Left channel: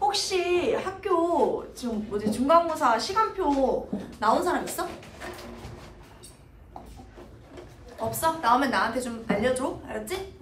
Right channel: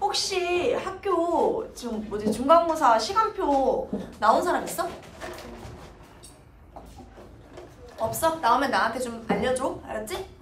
혹시 학교 지금 뭐지 중간고사 시간표 나온 사람 있어? 없어? 나오면 나한테 좀 알려줘. 알았지?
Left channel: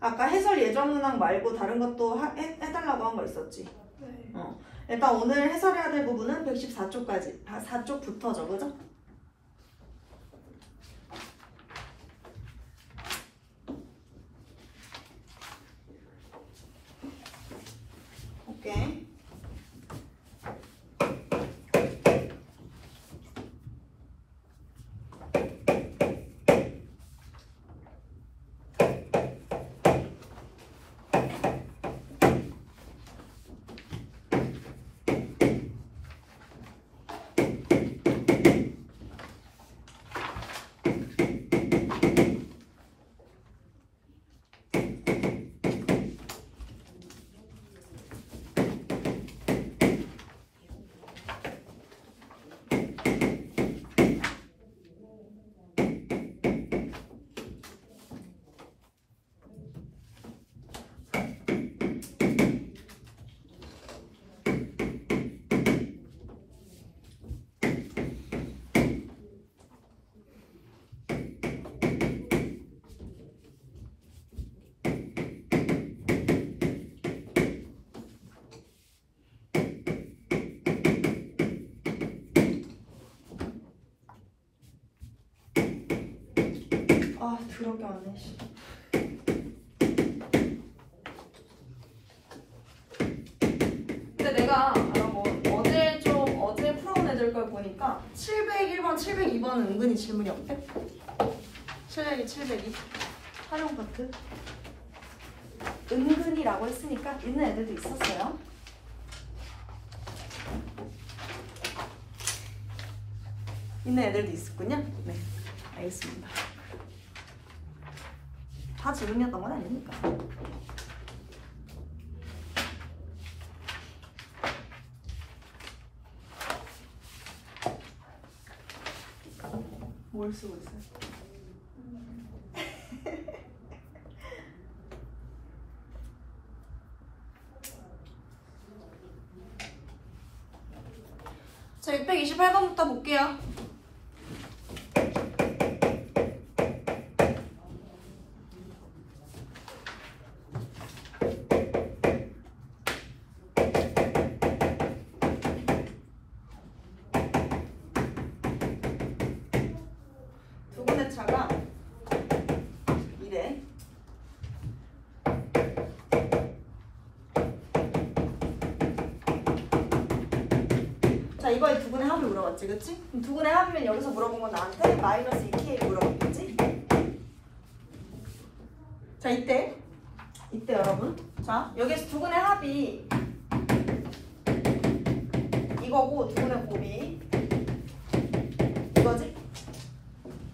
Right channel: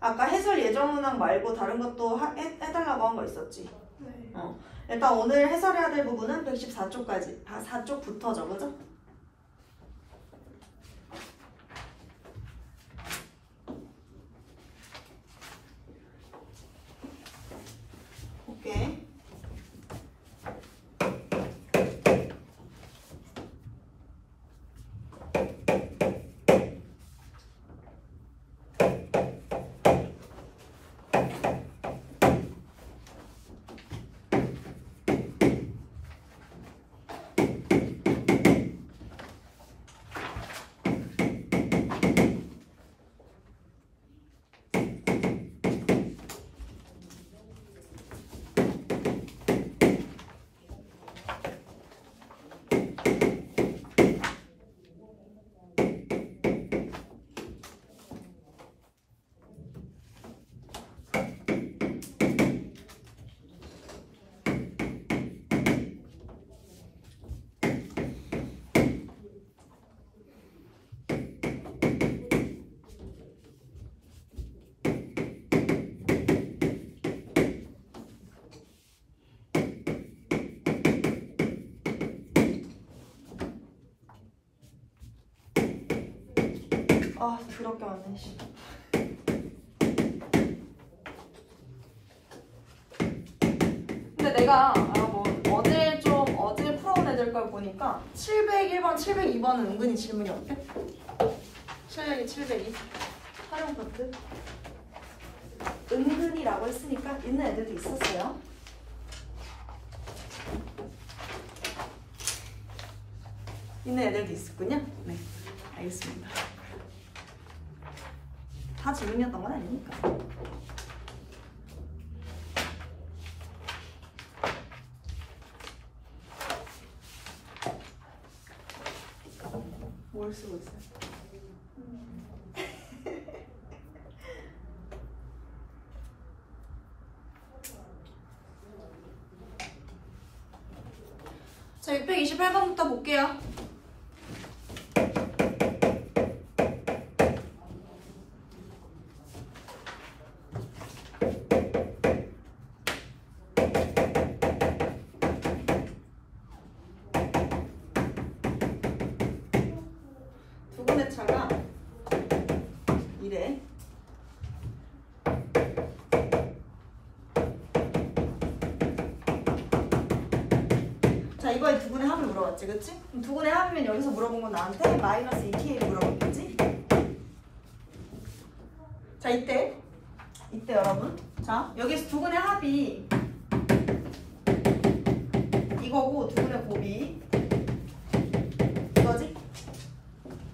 아까 해설 예전 문항 말고 다른 것도 해달라고 한 거 있었지? 네. 일단 오늘 해설해야 될 부분은 114쪽까지, 4쪽부터죠, 그죠? 오케이. 아, 더럽게 많네, 씨. 근데 내가 어제 풀어온 애들 걸 보니까 701번, 702번은 은근히 질문이 없대. 702, 702 활용 파트 은근히라고 했으니까 있는 애들도 있었어요. 있는 애들도 있었군요. 네, 알겠습니다. 다 질문이었던 건 아니니까. 뭘 쓰고 있어요? 자, 628번부터 볼게요. 차가 이래. 자, 이거에 두근의 합을 물어봤지, 그치? 그럼 두근의 합이면 여기서 물어본 건 나한테 마이너스 2K를 물어봤겠지? 자, 이때 여러분, 자, 여기에서 두근의 합이 이거고 두근의 곱이 이거지?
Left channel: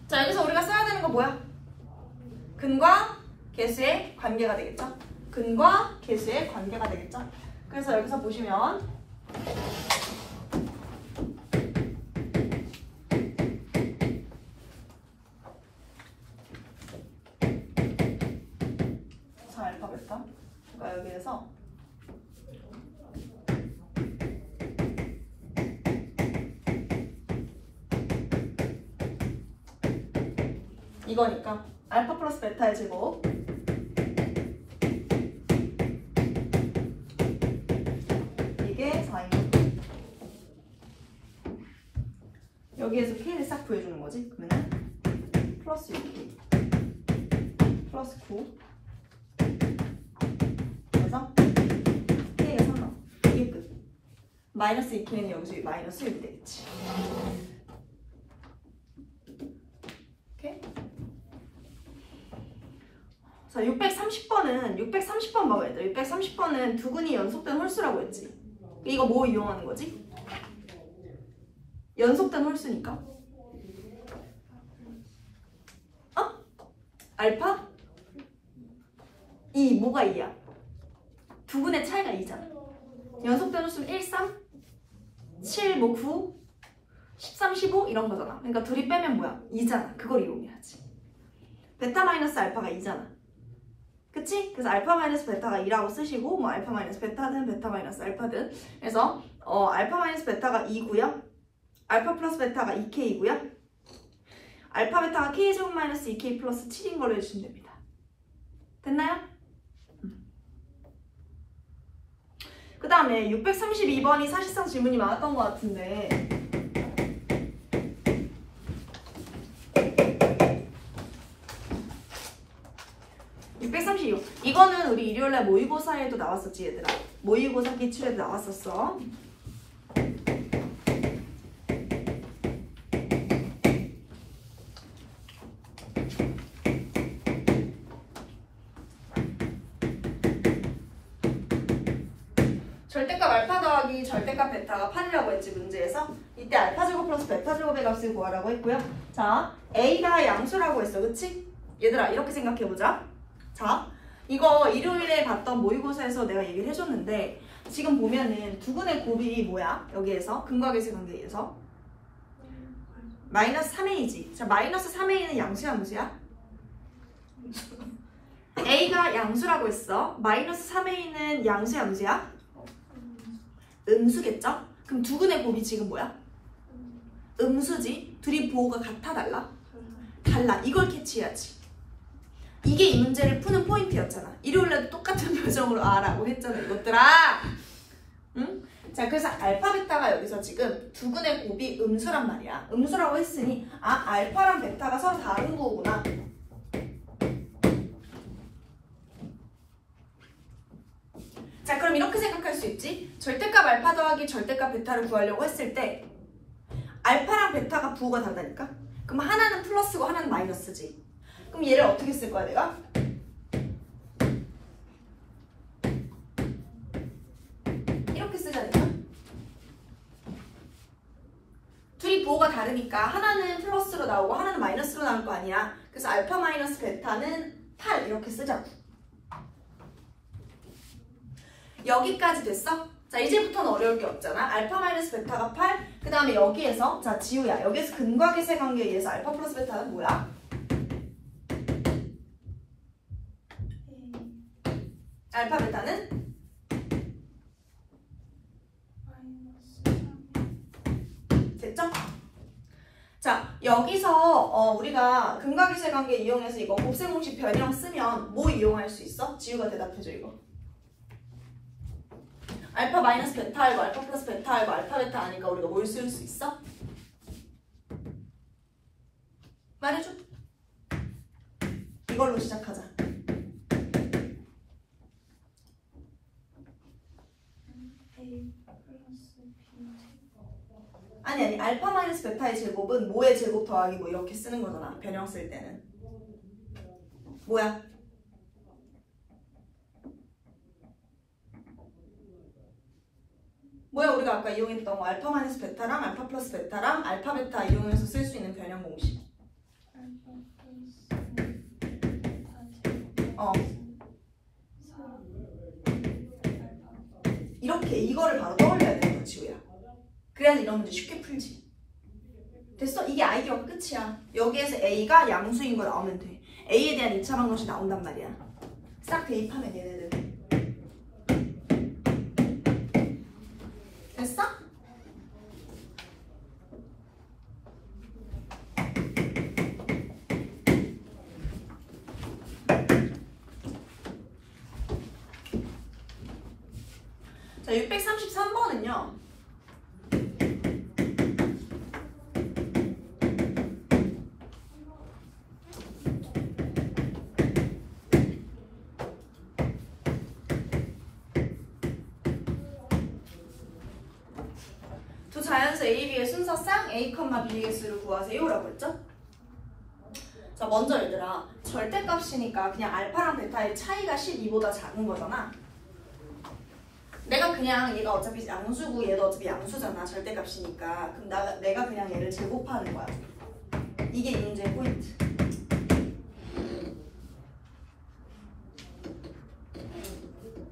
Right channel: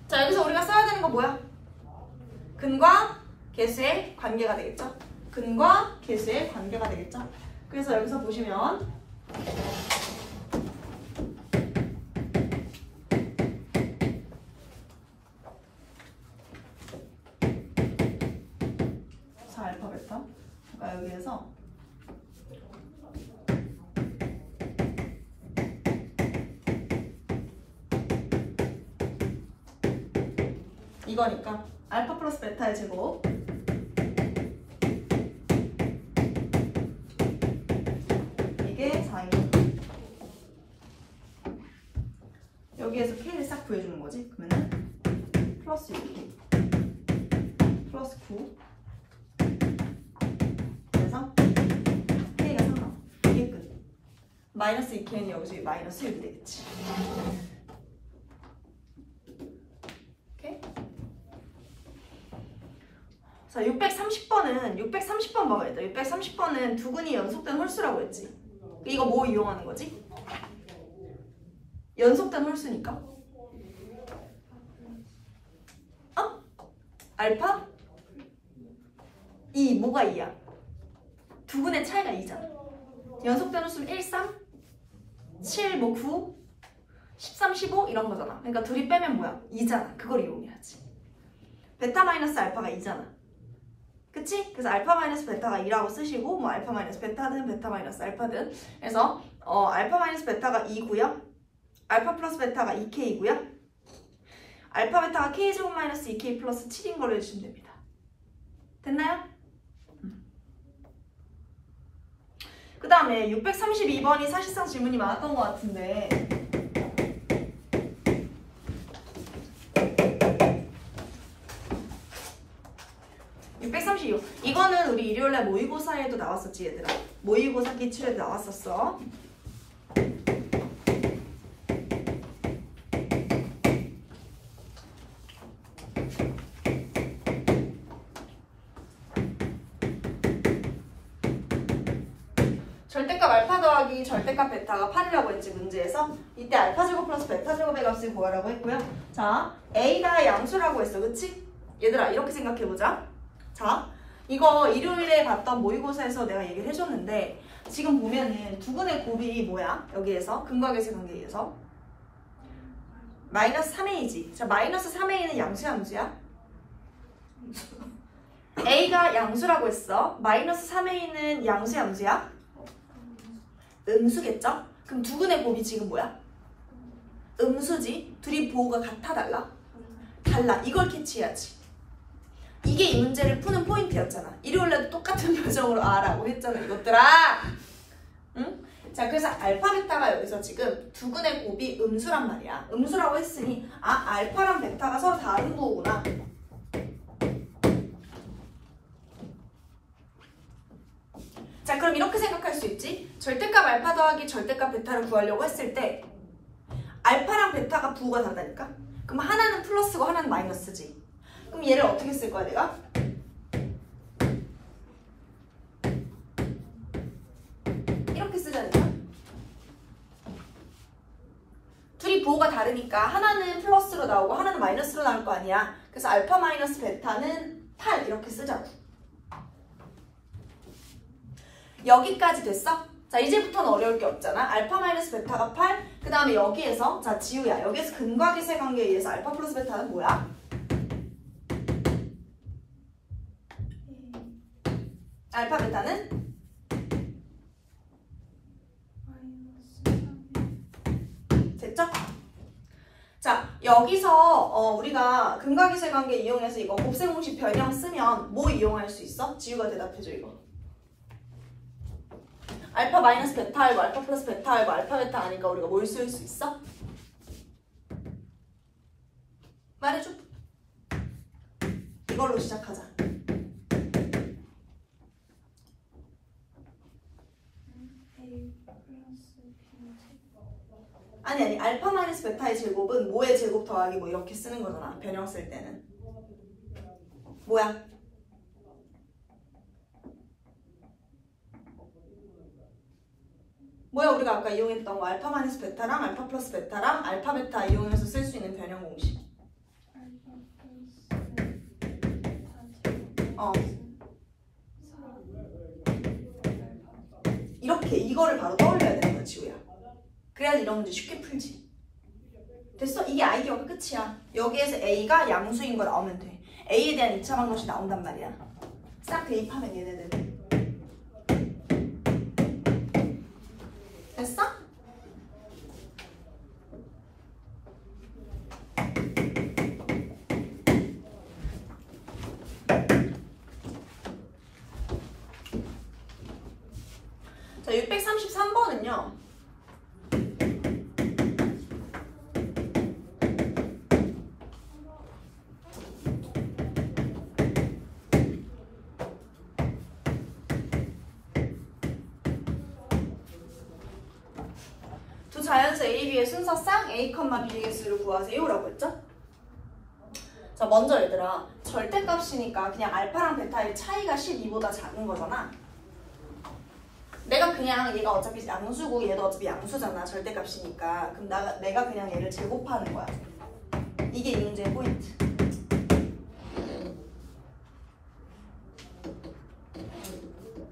자, 여기서 우리가 써야 되는 건 뭐야? 근과 계수의 관계가 되겠죠? 근과 계수의 관계가 되겠죠? 그래서 여기서 보시면 자, 알파, 베타. 그러니까 여기에서 이거니까 알파 플러스 베타의 제곱 이게 4입니다. 여기에서 K를 싹 구해주는 거지. 그러면은 플러스 6K 플러스 9 그래서 K가 3 나와. 이게 끝. 마이너스 2K는 여기서 마이너스 6이 되겠지. 오케이? 자, 630번 봐봐 얘들아. 630번은 두근이 연속된 홀수라고 했지. 이거 뭐 이용하는 거지? 연속된 홀수니까. 어? 알파? 2, 뭐가 2야? 두근의 차이가 2잖아. 연속된 홀수는 1, 3, 7, 뭐 9, 13, 15 이런 거잖아. 그러니까 둘이 빼면 뭐야? 2잖아. 그걸 이용해야지. 베타 마이너스 알파가 2잖아. 그치? 그래서 알파 마이너스 베타가 2라고 쓰시고 뭐 알파 마이너스 베타든 베타 마이너스 알파든. 그래서 알파 마이너스 베타가 2고요. 알파 플러스 베타가 2K이고요. 알파 베타가 K제곱 마이너스 2K 플러스 7인 걸로 해주시면 됩니다. 됐나요? 그 다음에 632번이 사실상 질문이 많았던 것 같은데 632 이거는 우리 일요일날 모의고사에도 나왔었지 얘들아. 모의고사 기출에도 나왔었어. 절대값 알파 더하기 절대값 베타가 8이라고 했지 문제에서. 이때 알파 제곱 플러스 베타 제곱의 값을 구하라고 했고요. 자, A가 양수라고 했어. 그치? 얘들아 이렇게 생각해보자. 자, 이거 일요일에 봤던 모의고사에서 내가 얘기를 해줬는데 지금 보면은 두근의 곱이 뭐야? 여기에서 근과 계수의 관계에 의해서 마이너스 3a지. 자, 마이너스 3a는 양수야 음수야? A가 양수라고 했어. 마이너스 3a는 양수야 음수야? 음수겠죠? 그럼 두근의 곱이 지금 뭐야? 음수지? 둘이 부호가 같아 달라? 달라. 이걸 캐치해야지. 이게 이 문제를 푸는 포인트였잖아. 일요일날도 똑같은 표정으로 아라고 했잖아 이것들아. 응? 자, 그래서 알파 베타가 여기서 지금 두근의 곱이 음수란 말이야. 음수라고 했으니 알파랑 베타가 서로 다른 거구나. 자, 그럼 이렇게 생각할 수 있지. 절대값 알파 더하기 절대값 베타를 구하려고 했을 때 알파랑 베타가 부호가 다르다니까? 그럼 하나는 플러스고 하나는 마이너스지. 그럼 얘를 어떻게 쓸 거야 내가? 이렇게 쓰자니까? 둘이 부호가 다르니까 하나는 플러스로 나오고 하나는 마이너스로 나올 거 아니야. 그래서 알파 마이너스 베타는 8 이렇게 쓰자고. 여기까지 됐어? 자, 이제부터는 어려울 게 없잖아. 알파 마이너스 베타가 8. 그 다음에 여기에서 자, 지우야. 여기에서 근과 계수의 관계에 의해서 알파 플러스 베타는 뭐야? 알파 베타는? 됐죠? 자, 여기서 우리가 근과 계수의 관계 이용해서 이거 곱셈 공식 변형 쓰면 뭐 이용할 수 있어? 지우가 대답해줘 이거. 알파 마이너스 베타 알고 알파 플러스 베타 알고 알파 베타 아니까 우리가 뭘 쓸 수 있어? 말해줘. 이걸로 시작하자. 아니 알파 마이너스 베타의 제곱은 뭐의 제곱 더하기 뭐 이렇게 쓰는 거잖아. 변형 쓸 때는. 뭐야? 뭐야 우리가 아까 이용했던 거 알파 마이너스 베타랑 알파 플러스 베타랑 알파 베타 이용해서 쓸 수 있는 변형 공식. 이렇게 이거를 바로 떠올려야 되는 거야 지우야. 그래야지 이런 문제 쉽게 풀지. 됐어? 이게 아이디어가 끝이야. 여기에서 A가 양수인 거 나오면 돼. A에 대한 2차 방정식 나온단 말이야. 싹 대입하면 얘네들. 됐어? 자, 633번은요. 자연수 A, B의 순서상 A, B의 수를 구하세요 라고 했죠? 자, 먼저 얘들아, 절대값이니까 그냥 알파랑 베타의 차이가 12보다 작은 거잖아. 내가 그냥 얘가 어차피 양수고 얘도 어차피 양수잖아. 절대값이니까. 그럼 내가 그냥 얘를 제곱하는 거야. 이게 이 문제의 포인트.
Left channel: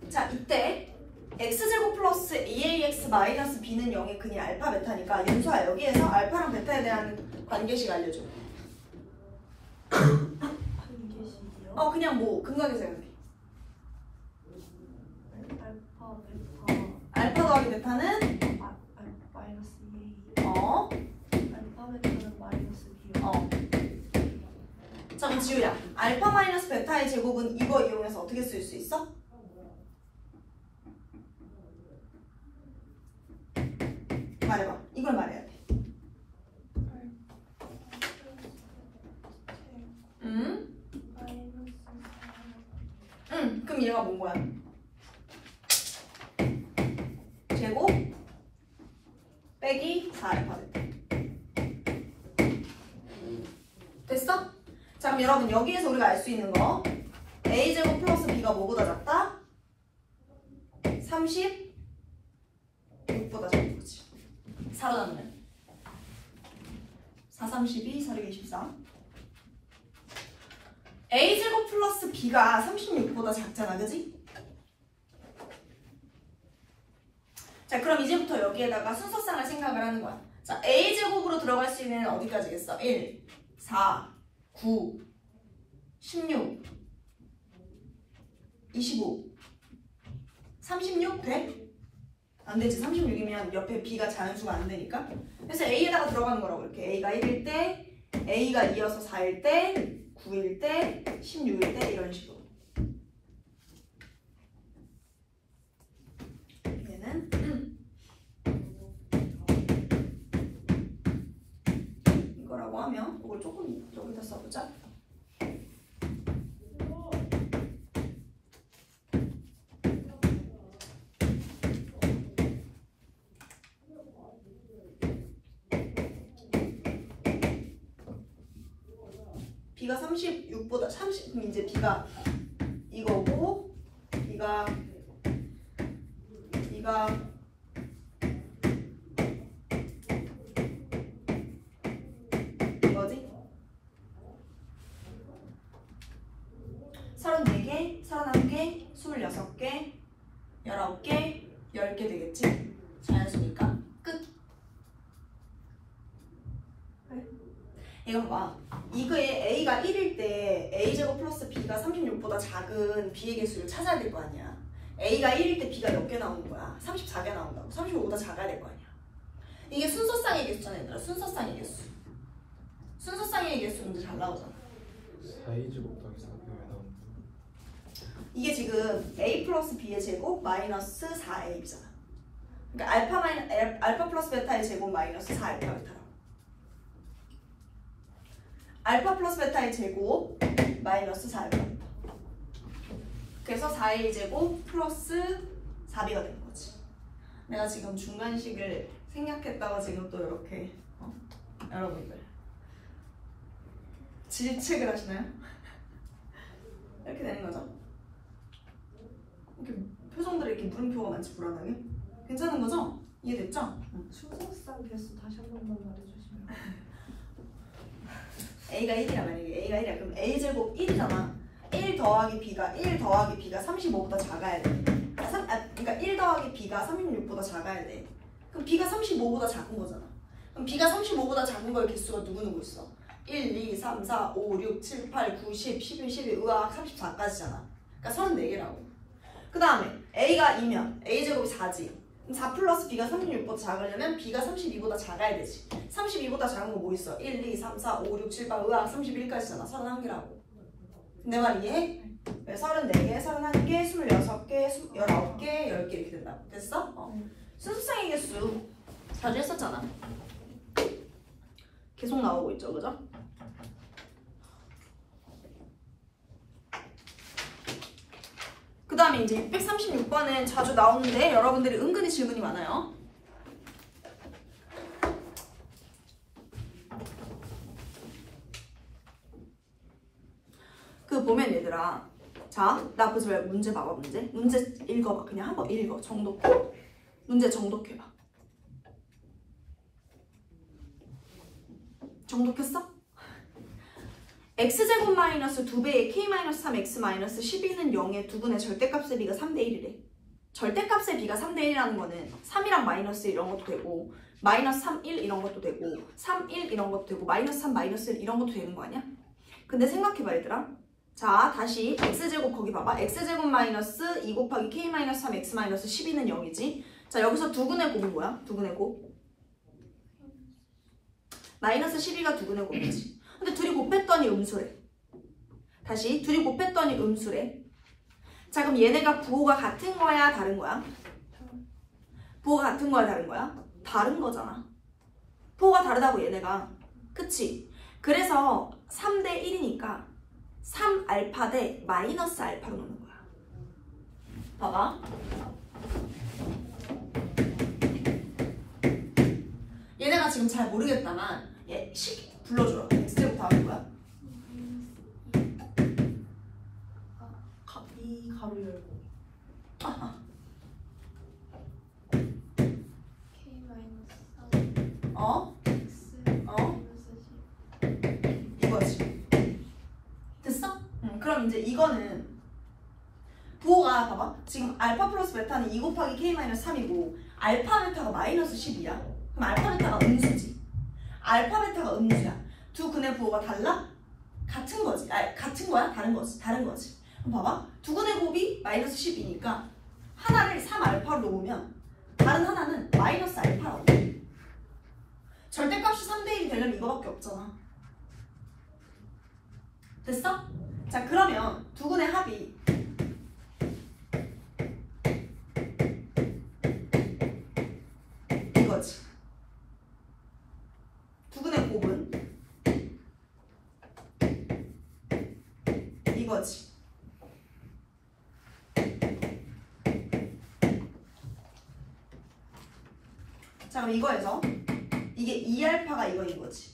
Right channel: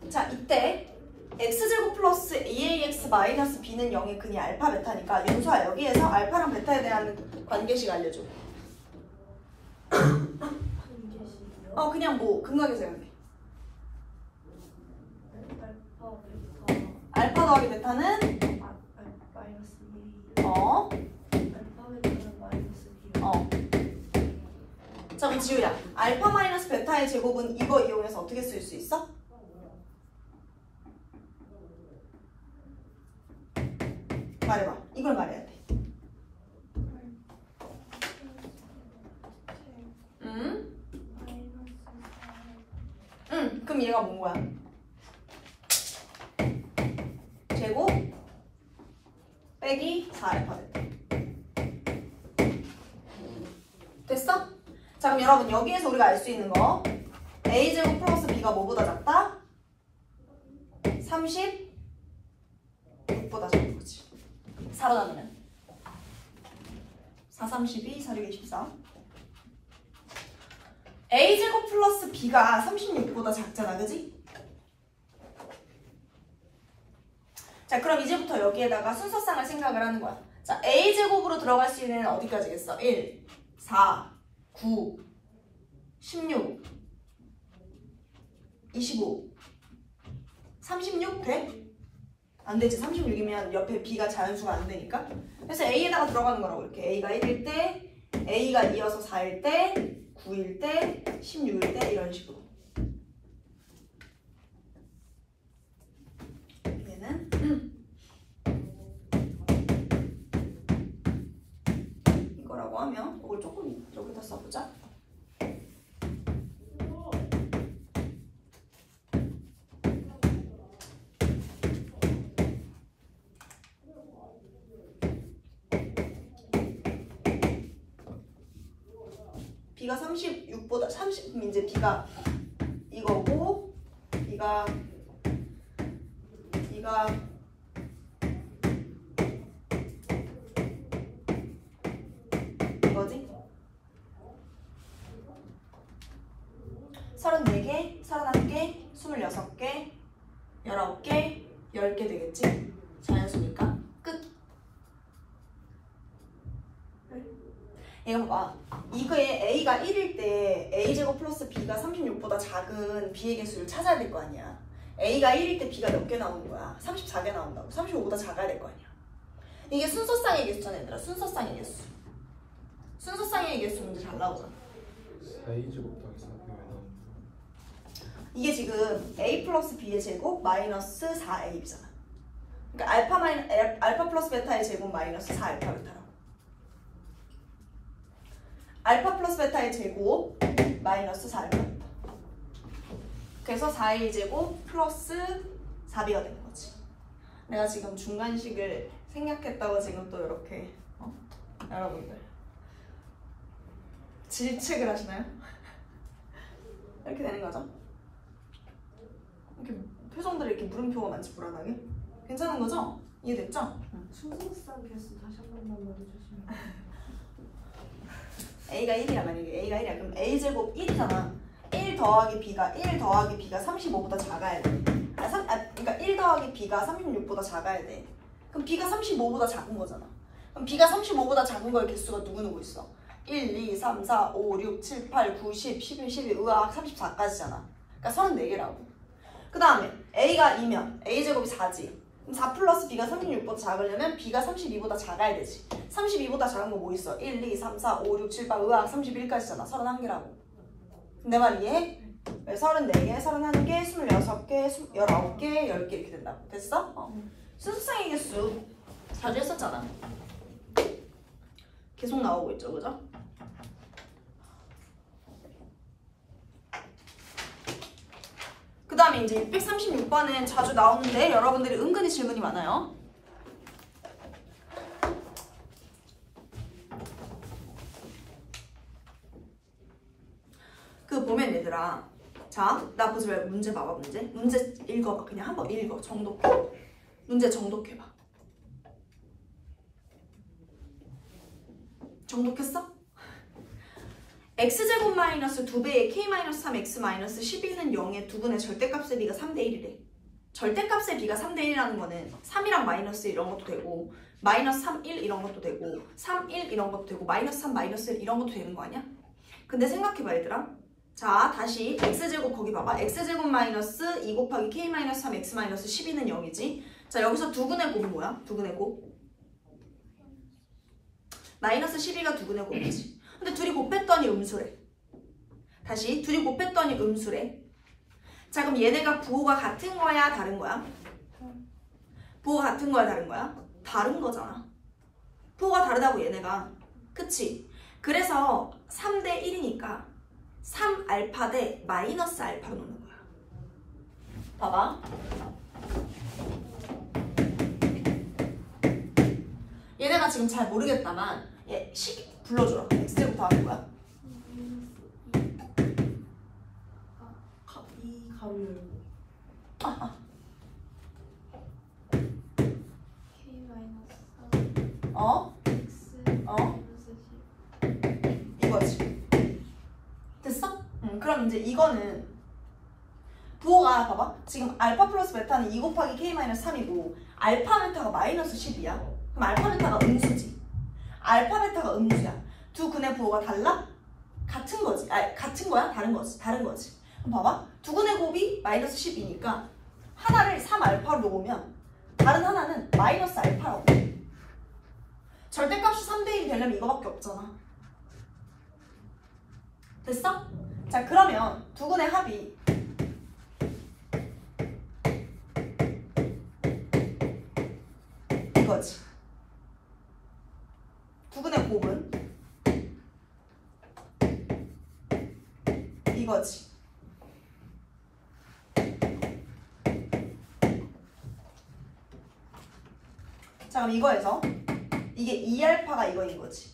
자, 이때 x제곱 플러스 ax 마이너스 b는 0의 근이 알파 베타니까 윤수아 여기에서 알파랑 베타에 대한 관계식 알려줘. 그냥 뭐 근각에서 해야 돼. 알파 더하기 베타는 마이너스 2. 알파 베타는 마이너스 2. 자, 그럼 지우야. 알파 마이너스 베타의 제곱은 이거 이용해서 어떻게 쓸 수 있어? 말해봐. 이걸 말해야 돼. 그럼 얘가 뭔 거야? 제곱 빼기 4알파 베타. 됐어? 자, 그럼 여러분 여기에서 우리가 알 수 있는 거 a제곱 플러스 b가 뭐보다 작다? 36보다 작은 거지. 4로 나누면 4, 32, 4, 24 a제곱 플러스 b가 36보다 작잖아, 그지? 자, 그럼 이제부터 여기에다가 순서상을 생각을 하는 거야. 자, a제곱으로 들어갈 수 있는 애는 어디까지겠어? 1, 4, 9, 16, 25, 36 돼? 안 되지. 36이면 옆에 b가 자연수가 안 되니까. 그래서 a에다가 들어가는 거라고. 이렇게 a가 1일 때, a가 이어서 4일 때, 9일 때, 16일 때 이런 식으로. 얘는 이거라고 하면 이걸 조금 여기다 써보자. b가 36보다 30, 이제 b가 이거고 b가 이거지? 34개, 31개, 26개, 19개, 10개 되겠지? 자연수니까 끝. 얘가 봐. 이거에 a가 1일 때 a제곱 플러스 b가 36보다 작은 b의 개수를 찾아야 될 거 아니야. a가 1일 때 b가 몇 개 나오는 거야? 34개 나온다고. 35보다 작아야 될 거 아니야. 이게 순서쌍의 개수잖아, 얘들아. 순서쌍의 개수. 순서쌍의 개수 문제 잘 나오잖아. 4a제곱 더하기 4b가 나온다. 이게 지금 a 플러스 b의 제곱 마이너스 4a잖아. 그러니까 알파 플러스 베타의 제곱 마이너스 4알파 베타라고. 알파 플러스 베타의 제곱 마이너스 4알파 베타. 그래서 4a 제곱 플러스 4b가 되는 거지. 내가 지금 중간식을 생략했다고 지금 또 이렇게 여러분들 질책을 하시나요? 이렇게 되는 거죠. 이렇게 표정들이 이렇게 물음표가 많지, 불안하게. 괜찮은 거죠? 이해됐죠? 순서상 개수 다시 한 번만 말해주시면. a가 1이야. 만약에 a가 1이야. 그럼 a제곱 1이잖아. 1 더하기 b가 35보다 작아야 돼. 그러니까 1 더하기 b가 36보다 작아야 돼. 그럼 b가 35보다 작은 거잖아. 그럼 b가 35보다 작은 거의 개수가 누구 있어? 1, 2, 3, 4, 5, 6, 7, 8, 9, 10, 11, 12, 으악 34까지잖아. 그러니까 34개라고. 그 다음에 a가 2면 a제곱이 4지. 그럼 4 플러스 b가 36보다 작으려면 b가 32보다 작아야 되지. 32보다 작은 거 뭐 있어? 1, 2, 3, 4, 5, 6, 7, 8, 으악 31까지잖아. 31개라고. 내 말 이해해? 34개, 31개, 26개, 19개, 10개 이렇게 된다고. 됐어? 순수쌍의 개수 자주 했었잖아. 계속 나오고 있죠, 그죠? 그 다음에 이제 636번은 자주 나오는데 여러분들이 은근히 질문이 많아요. 그 보면 얘들아, 자, 나 보지 말고 문제 봐봐. 문제 읽어봐. 그냥 한번 읽어. 정독해. 문제 정독해봐. 정독했어? x제곱 마이너스 2배의 k 마이너스 3x 마이너스 12는 0의 두 분의 절대값의 비가 3대 1이래. 절대값의 비가 3대 1이라는 거는 3이랑 마이너스 이런 것도 되고 마이너스 3, 1 이런 것도 되고 3, 1 이런 것도 되고 마이너스 3, 마이너스 1 이런 것도 되는 거 아니야? 근데 생각해봐 얘들아. 자, 다시 x제곱 거기 봐봐. x제곱 마이너스 2 곱하기 k 마이너스 3 x 마이너스 12는 0이지. 자, 여기서 두근의 곱은 뭐야? 두근의 곱. 마이너스 12가 두근의 곱이지. 근데 둘이 곱했더니 음수래. 다시 둘이 곱했더니 음수래. 자, 그럼 얘네가 부호가 같은 거야? 다른 거야? 부호가 같은 거야? 다른 거야? 다른 거잖아. 부호가 다르다고 얘네가. 그치? 그래서 3대 1이니까 3알파 대 마이너스 알파로 놓는 거야. 봐봐. 얘네가 지금 잘 모르겠다만 얘 식 불러줘라. x제곱 다음에 뭐야? 이 가로 열고 K 마이너스 3 어? X 어? 마이너스 10 이거지. 됐어? 그럼 이제 이거는 부호가 봐봐. 지금 알파 플러스 베타는 2 곱하기 k 마이너스 3이고 알파 베타가 마이너스 10이야. 그럼 알파 베타가 음수지. 알파 베타가 음수야. 두 근의 부호가 달라? 같은 거지. 같은 거야? 다른 거지. 다른 거지. 그럼 봐봐. 두 근의 곱이 마이너스 10이니까 하나를 3알파로 놓으면 다른 하나는 마이너스 알파라고. 절대값이 3대 1이 되려면 이거밖에 없잖아. 됐어? 자, 그러면 두 근의 합이 이거지. 두 근의 곱은 이거지. 자, 그럼 이거에서 이게 2알파가 이거인 거지.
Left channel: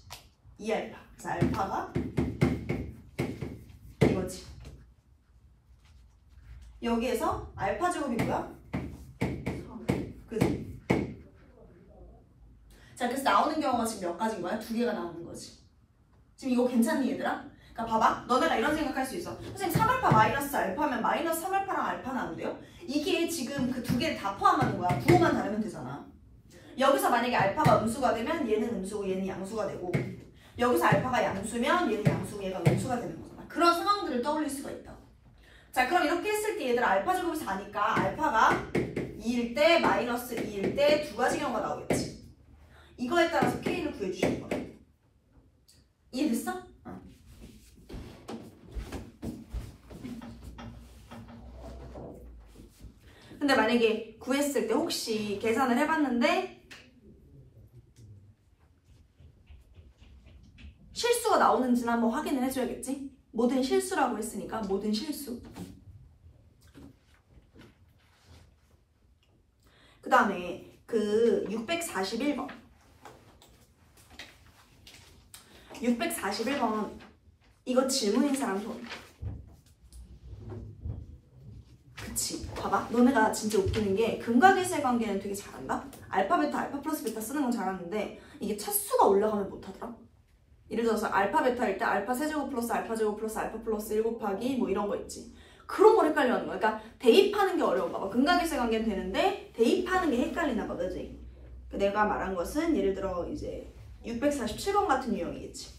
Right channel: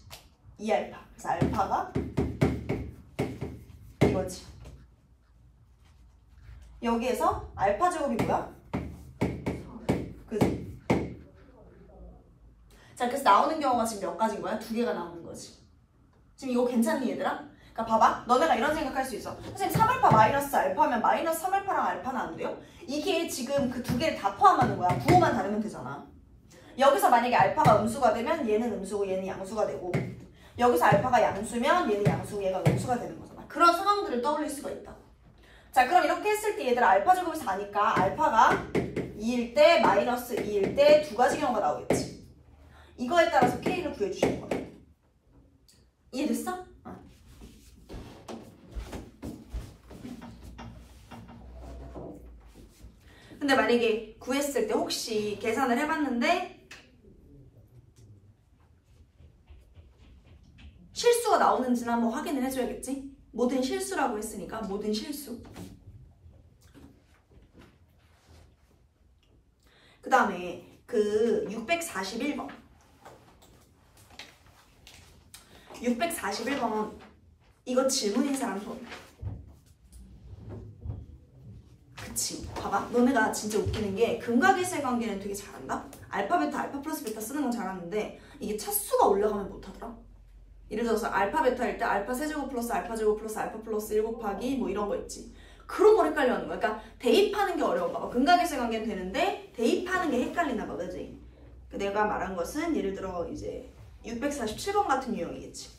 2알파. 그래서 알파가 이거지. 여기에서 알파 제곱이 뭐야? 그지? 자, 그래서 나오는 경우가 지금 몇 가지인 거야? 2개가 나오는 거지. 지금 이거 괜찮니 얘들아? 그러니까 봐봐. 너네가 이런 생각할 수 있어. 선생님 3알파 마이너스 알파면 마이너스 3알파랑 알파는 안 돼요? 이게 지금 그 두 개를 다 포함하는 거야. 부호만 다르면 되잖아. 여기서 만약에 알파가 음수가 되면 얘는 음수고 얘는 양수가 되고 여기서 알파가 양수면 얘는 양수고 얘가 음수가 되는 거잖아. 그런 상황들을 떠올릴 수가 있다. 자, 그럼 이렇게 했을 때 얘들 알파 제곱이 4니까 알파가 2일 때 마이너스 2일 때 두 가지 경우가 나오겠지. 이거에 따라서 K를 구해주시는 거야. 이해됐어? 근데 만약에 구했을 때 혹시 계산을 해봤는데 실수가 나오는지는 한번 확인을 해줘야겠지? 모든 실수라고 했으니까 모든 실수. 그 다음에 그 641번 641번 이거 질문인 사람 손. 그치. 봐봐. 너네가 진짜 웃기는 게 근과계수의 관계는 되게 잘한다? 알파 베타 알파 플러스 베타 쓰는 건 잘하는데 이게 차수가 올라가면 못하더라. 예를 들어서 알파 베타일 때 알파 세제곱 플러스 알파 제곱 플러스 알파 플러스 1 곱하기 뭐 이런 거 있지. 그런 걸 헷갈려 하는 거야. 그러니까 대입하는 게 어려운가 봐. 근과계수의 관계는 되는데 대입하는 게 헷갈리나 봐. 그지? 내가 말한 것은 예를 들어 이제 647번 같은 유형이겠지.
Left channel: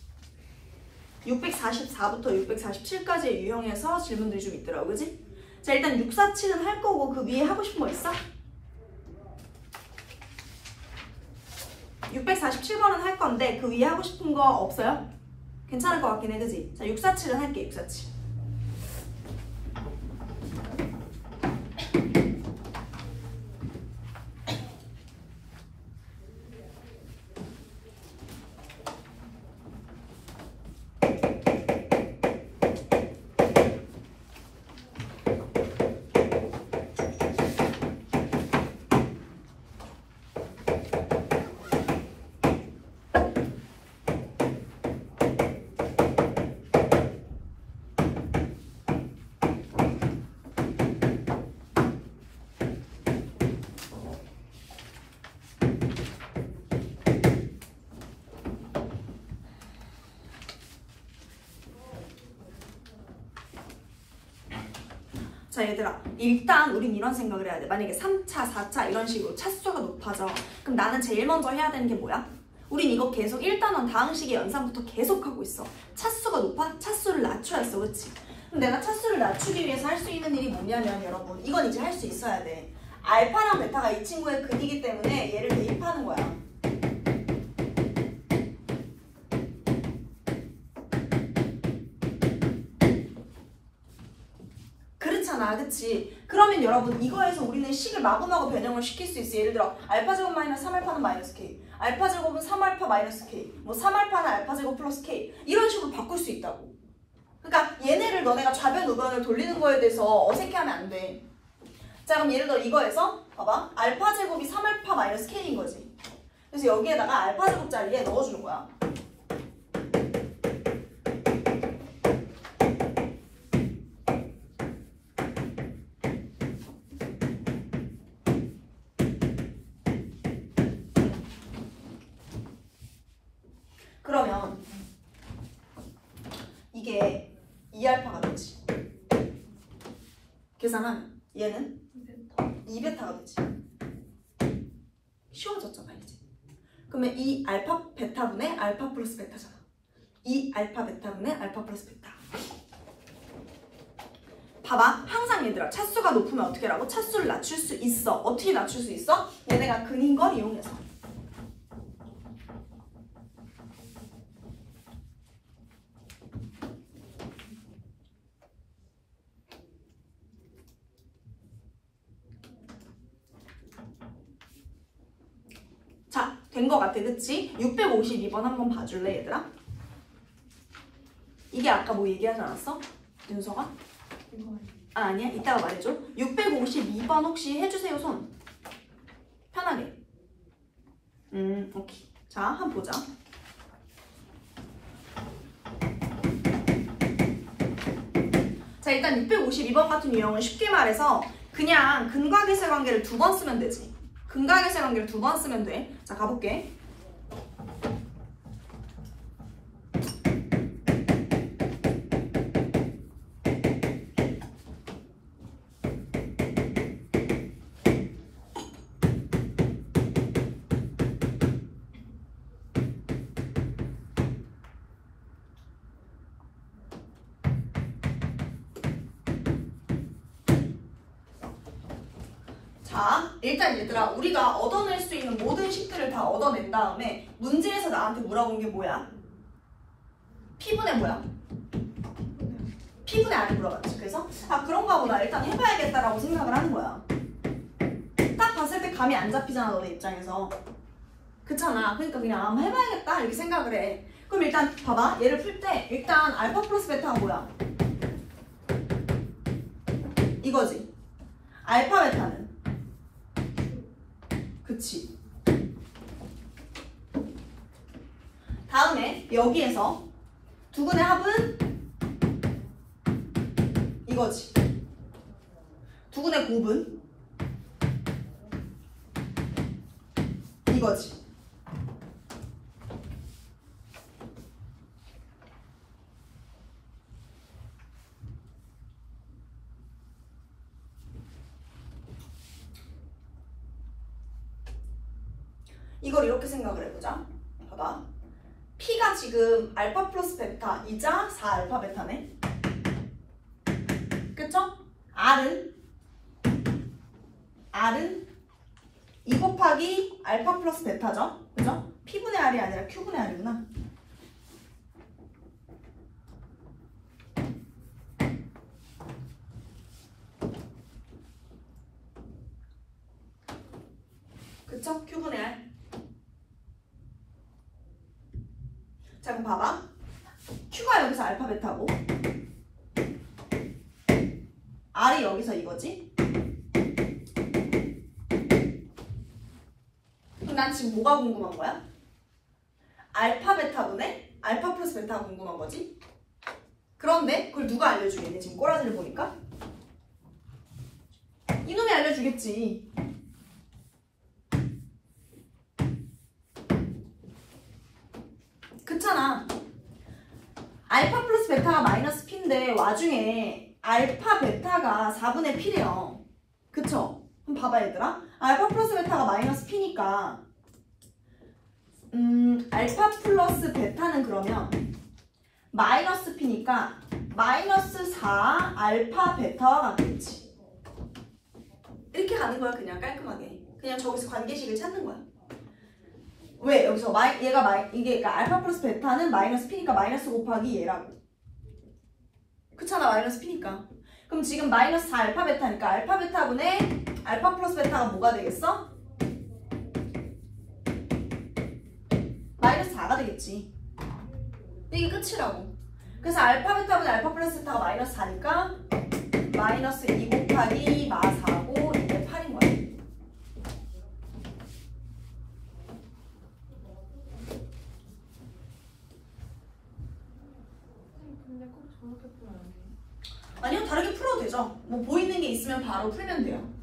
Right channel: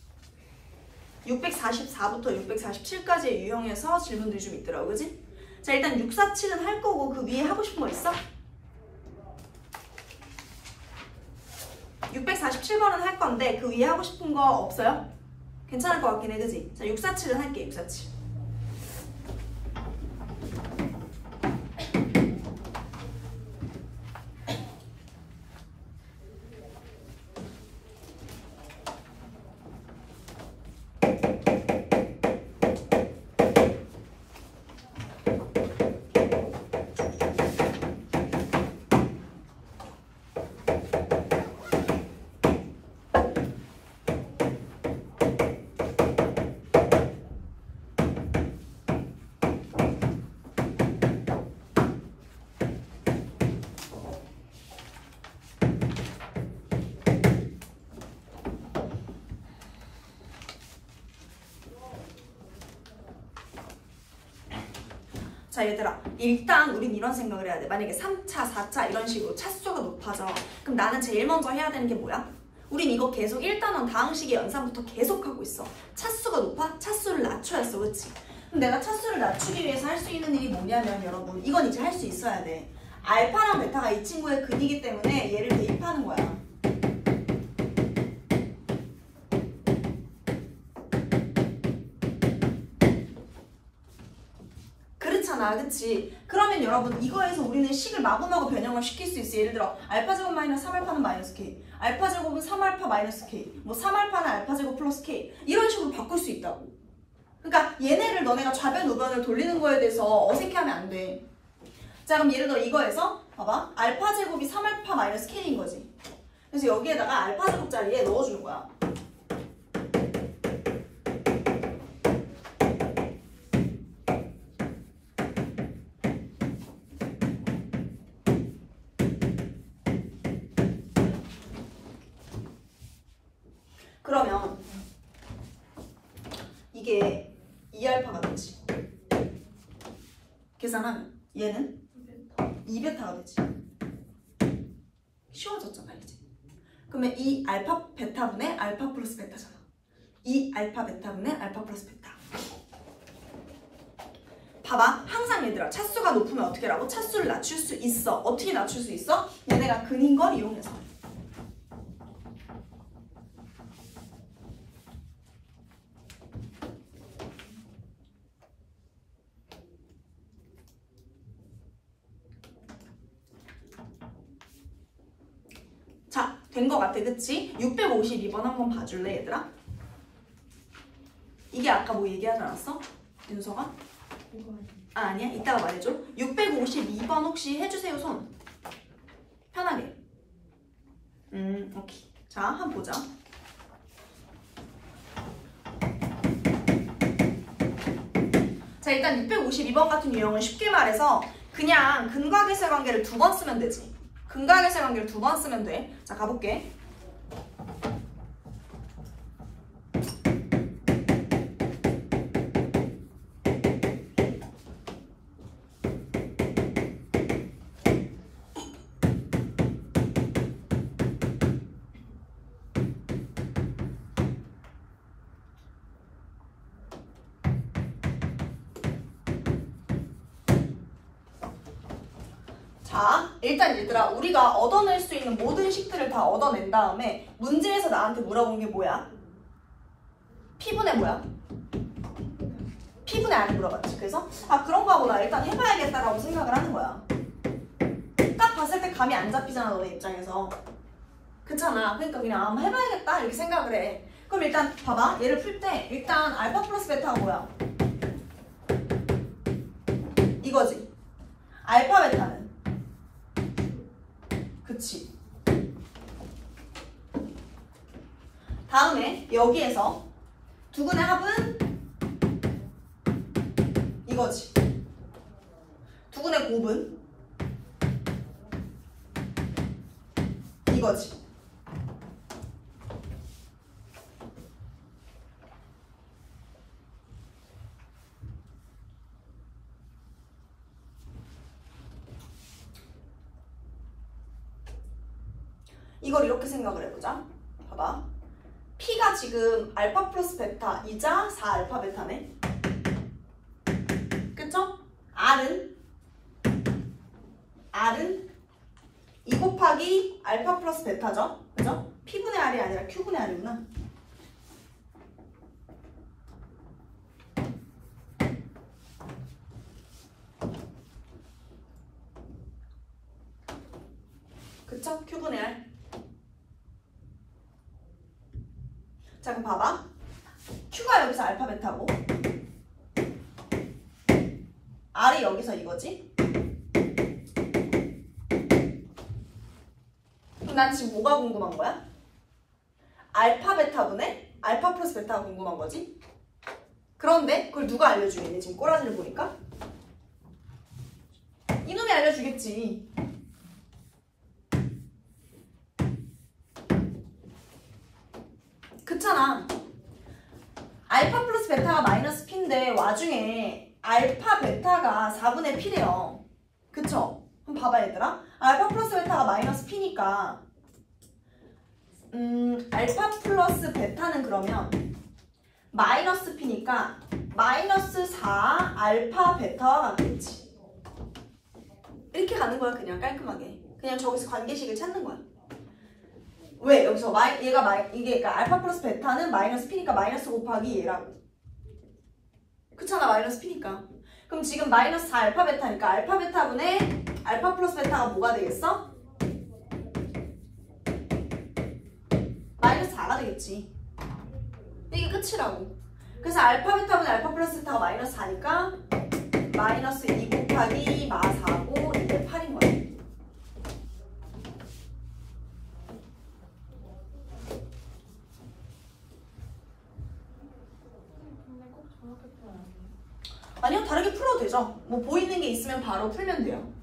644부터 647까지의 유형에서 질문들이 좀 있더라고. 그지? 자, 일단 647은 할 거고 그 위에 하고 싶은 거 있어? 647번은 할 건데 그 위에 하고 싶은 거 없어요? 괜찮을 것 같긴 해. 그지? 자, 647은 할게. 647. 자 얘들아, 일단 우린 이런 생각을 해야 돼. 만약에 3차, 4차 이런 식으로 차수가 높아져. 그럼 나는 제일 먼저 해야 되는 게 뭐야? 우린 이거 계속 1단원 다항식의 연산부터 계속 하고 있어. 차수가 높아? 차수를 낮춰야 했어, 그치? 그럼 내가 차수를 낮추기 위해서 할 수 있는 일이 뭐냐면 여러분, 이건 이제 할 수 있어야 돼. 알파랑 베타가 이 친구의 근이기 때문에 얘를 대입하는 거야. 그렇잖아, 그치? 그러면 여러분 이거에서 우리는 식을 마구마구 변형을 시킬 수 있어. 예를 들어 알파 제곱 마이너스 3알파는 마이너스 k, 알파 제곱은 3알파 마이너스 k, 뭐 3알파는 알파 제곱 플러스 k 이런 식으로 바꿀 수 있다고. 그러니까 얘네를 너네가 좌변 우변을 돌리는 거에 대해서 어색해하면 안 돼. 자 그럼 예를 들어 이거에서 봐봐, 알파 제곱이 3알파 마이너스 k인 거지. 그래서 여기에다가 알파 제곱 자리에 넣어주는 거야. 그러면 이게 2알파가 되지. 계산하면 얘는 2베타가 되지. 쉬워졌잖아 이제. 그러면 이 알파 베타분의 알파 플러스 베타잖아. 이 알파 베타분의 알파 플러스 베타. 봐봐, 항상 얘들아 차수가 높으면 어떻게 하라고? 차수를 낮출 수 있어. 어떻게 낮출 수 있어? 얘네가 근인 걸 이용해서. 자, 된 거 같아, 그치? 652번 한번 봐줄래, 얘들아? 이게 아까 뭐 얘기하지 않았어? 윤서가? 아, 아니야? 이따가 말해줘. 652번 혹시 해주세요, 손. 편하게. 오케이. 자, 한번 보자. 자, 일단 652번 같은 유형은 쉽게 말해서 그냥 근과 계세 관계를 2번 쓰면 되지. 근과 계세 관계를 2번 쓰면 돼. 자, 가볼게. 자, 일단 얘들아, 우리가 얻어낼 수 있는 모든 식들을 다 얻어낸 다음에 문제에서 나한테 물어본 게 뭐야? P분의 뭐야? P분의 R을 물어봤지. 그래서 아 그런가 보다, 일단 해봐야겠다라고 생각을 하는 거야. 딱 봤을 때 감이 안 잡히잖아, 너네 입장에서. 그렇잖아. 그러니까 그냥 한번 해봐야겠다 이렇게 생각을 해. 그럼 일단 봐봐, 얘를 풀 때 일단 알파 플러스 베타가 뭐야? 이거지. 알파 베타는 그치. 다음에 여기에서 두근의 합은 이거지. 두근의 곱은 이거지. 이걸 이렇게 생각을 해보자. 봐봐. P가 지금 알파 플러스 베타이자 4알파 베타네. 그쵸? R은 2 곱하기 알파 플러스 베타죠? 그죠? P분의 R이 아니라 Q분의 R이구나. 그쵸? Q분의 R. 자, 그럼 봐봐. Q가 여기서 알파 베타고 R이 여기서 이거지? 그럼 난 지금 뭐가 궁금한 거야? 알파 베타분의 알파 플러스 베타가 궁금한 거지? 그런데 그걸 누가 알려주겠니? 지금 꼬라지를 보니까? 이놈이 알려주겠지. 그렇잖아. 알파 플러스 베타가 마이너스 P인데 와중에 알파 베타가 4분의 P래요. 그쵸? 그럼 봐봐 얘들아. 알파 플러스 베타가 마이너스 P니까 알파 플러스 베타는 그러면 마이너스 P니까 마이너스 4 알파 베타와 같겠지. 이렇게 가는 거야. 그냥 깔끔하게. 그냥 저기서 관계식을 찾는 거야. 왜? 여기서 이게 그러니까 알파 플러스 베타는 마이너스 P니까 마이너스 곱하기 얘라고. 그렇잖아. 마이너스 P니까. 그럼 지금 마이너스 4 알파 베타니까 알파 베타분의 알파 플러스 베타가 뭐가 되겠어? 마이너스 4가 되겠지. 이게 끝이라고. 그래서 알파 베타분의 알파 플러스 베타가 마이너스 4니까 마이너스 2 곱하기 마 4고 이게 8인 거야. 근데 꼭 저렇게 풀어야 돼. 아니요, 다르게 풀어도 되죠. 뭐 보이는 게 있으면 바로 풀면 돼요.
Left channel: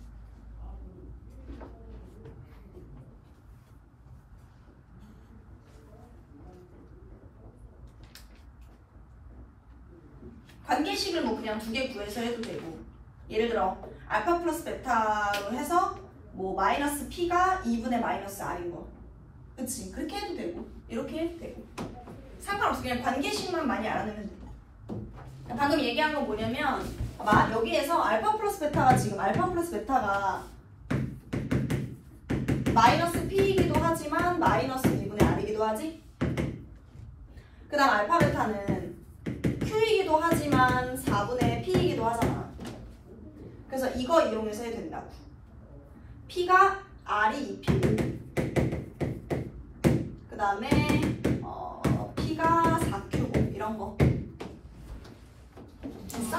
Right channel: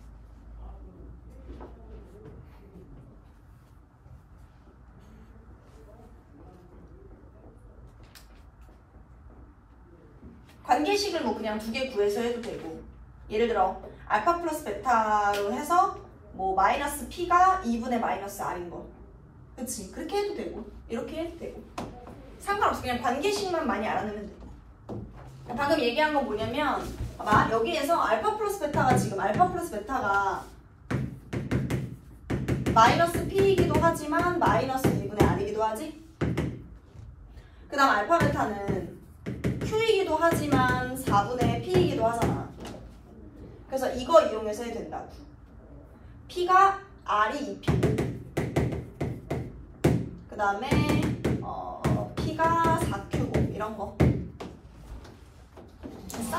관계식을 뭐 그냥 2개 구해서 해도 되고, 예를 들어 알파 플러스 베타로 해서 뭐 마이너스 P가 2분의 마이너스 R인 거, 그치? 그렇게 해도 되고 이렇게 해도 되고 상관없어. 그냥 관계식만 많이 알아내면 된다. 방금 얘기한 건 뭐냐면 아마 여기에서 알파 플러스 베타가 지금 알파 플러스 베타가 마이너스 P이기도 하지만 마이너스 2분의 R이기도 하지? 그 다음 알파 베타는 Q이기도 하지만 4분의 P이기도 하잖아. 그래서 이거 이용해서 해도 된다고. P가 R이 2P, 그 다음에 P가 4Q고 이런 거 됐어?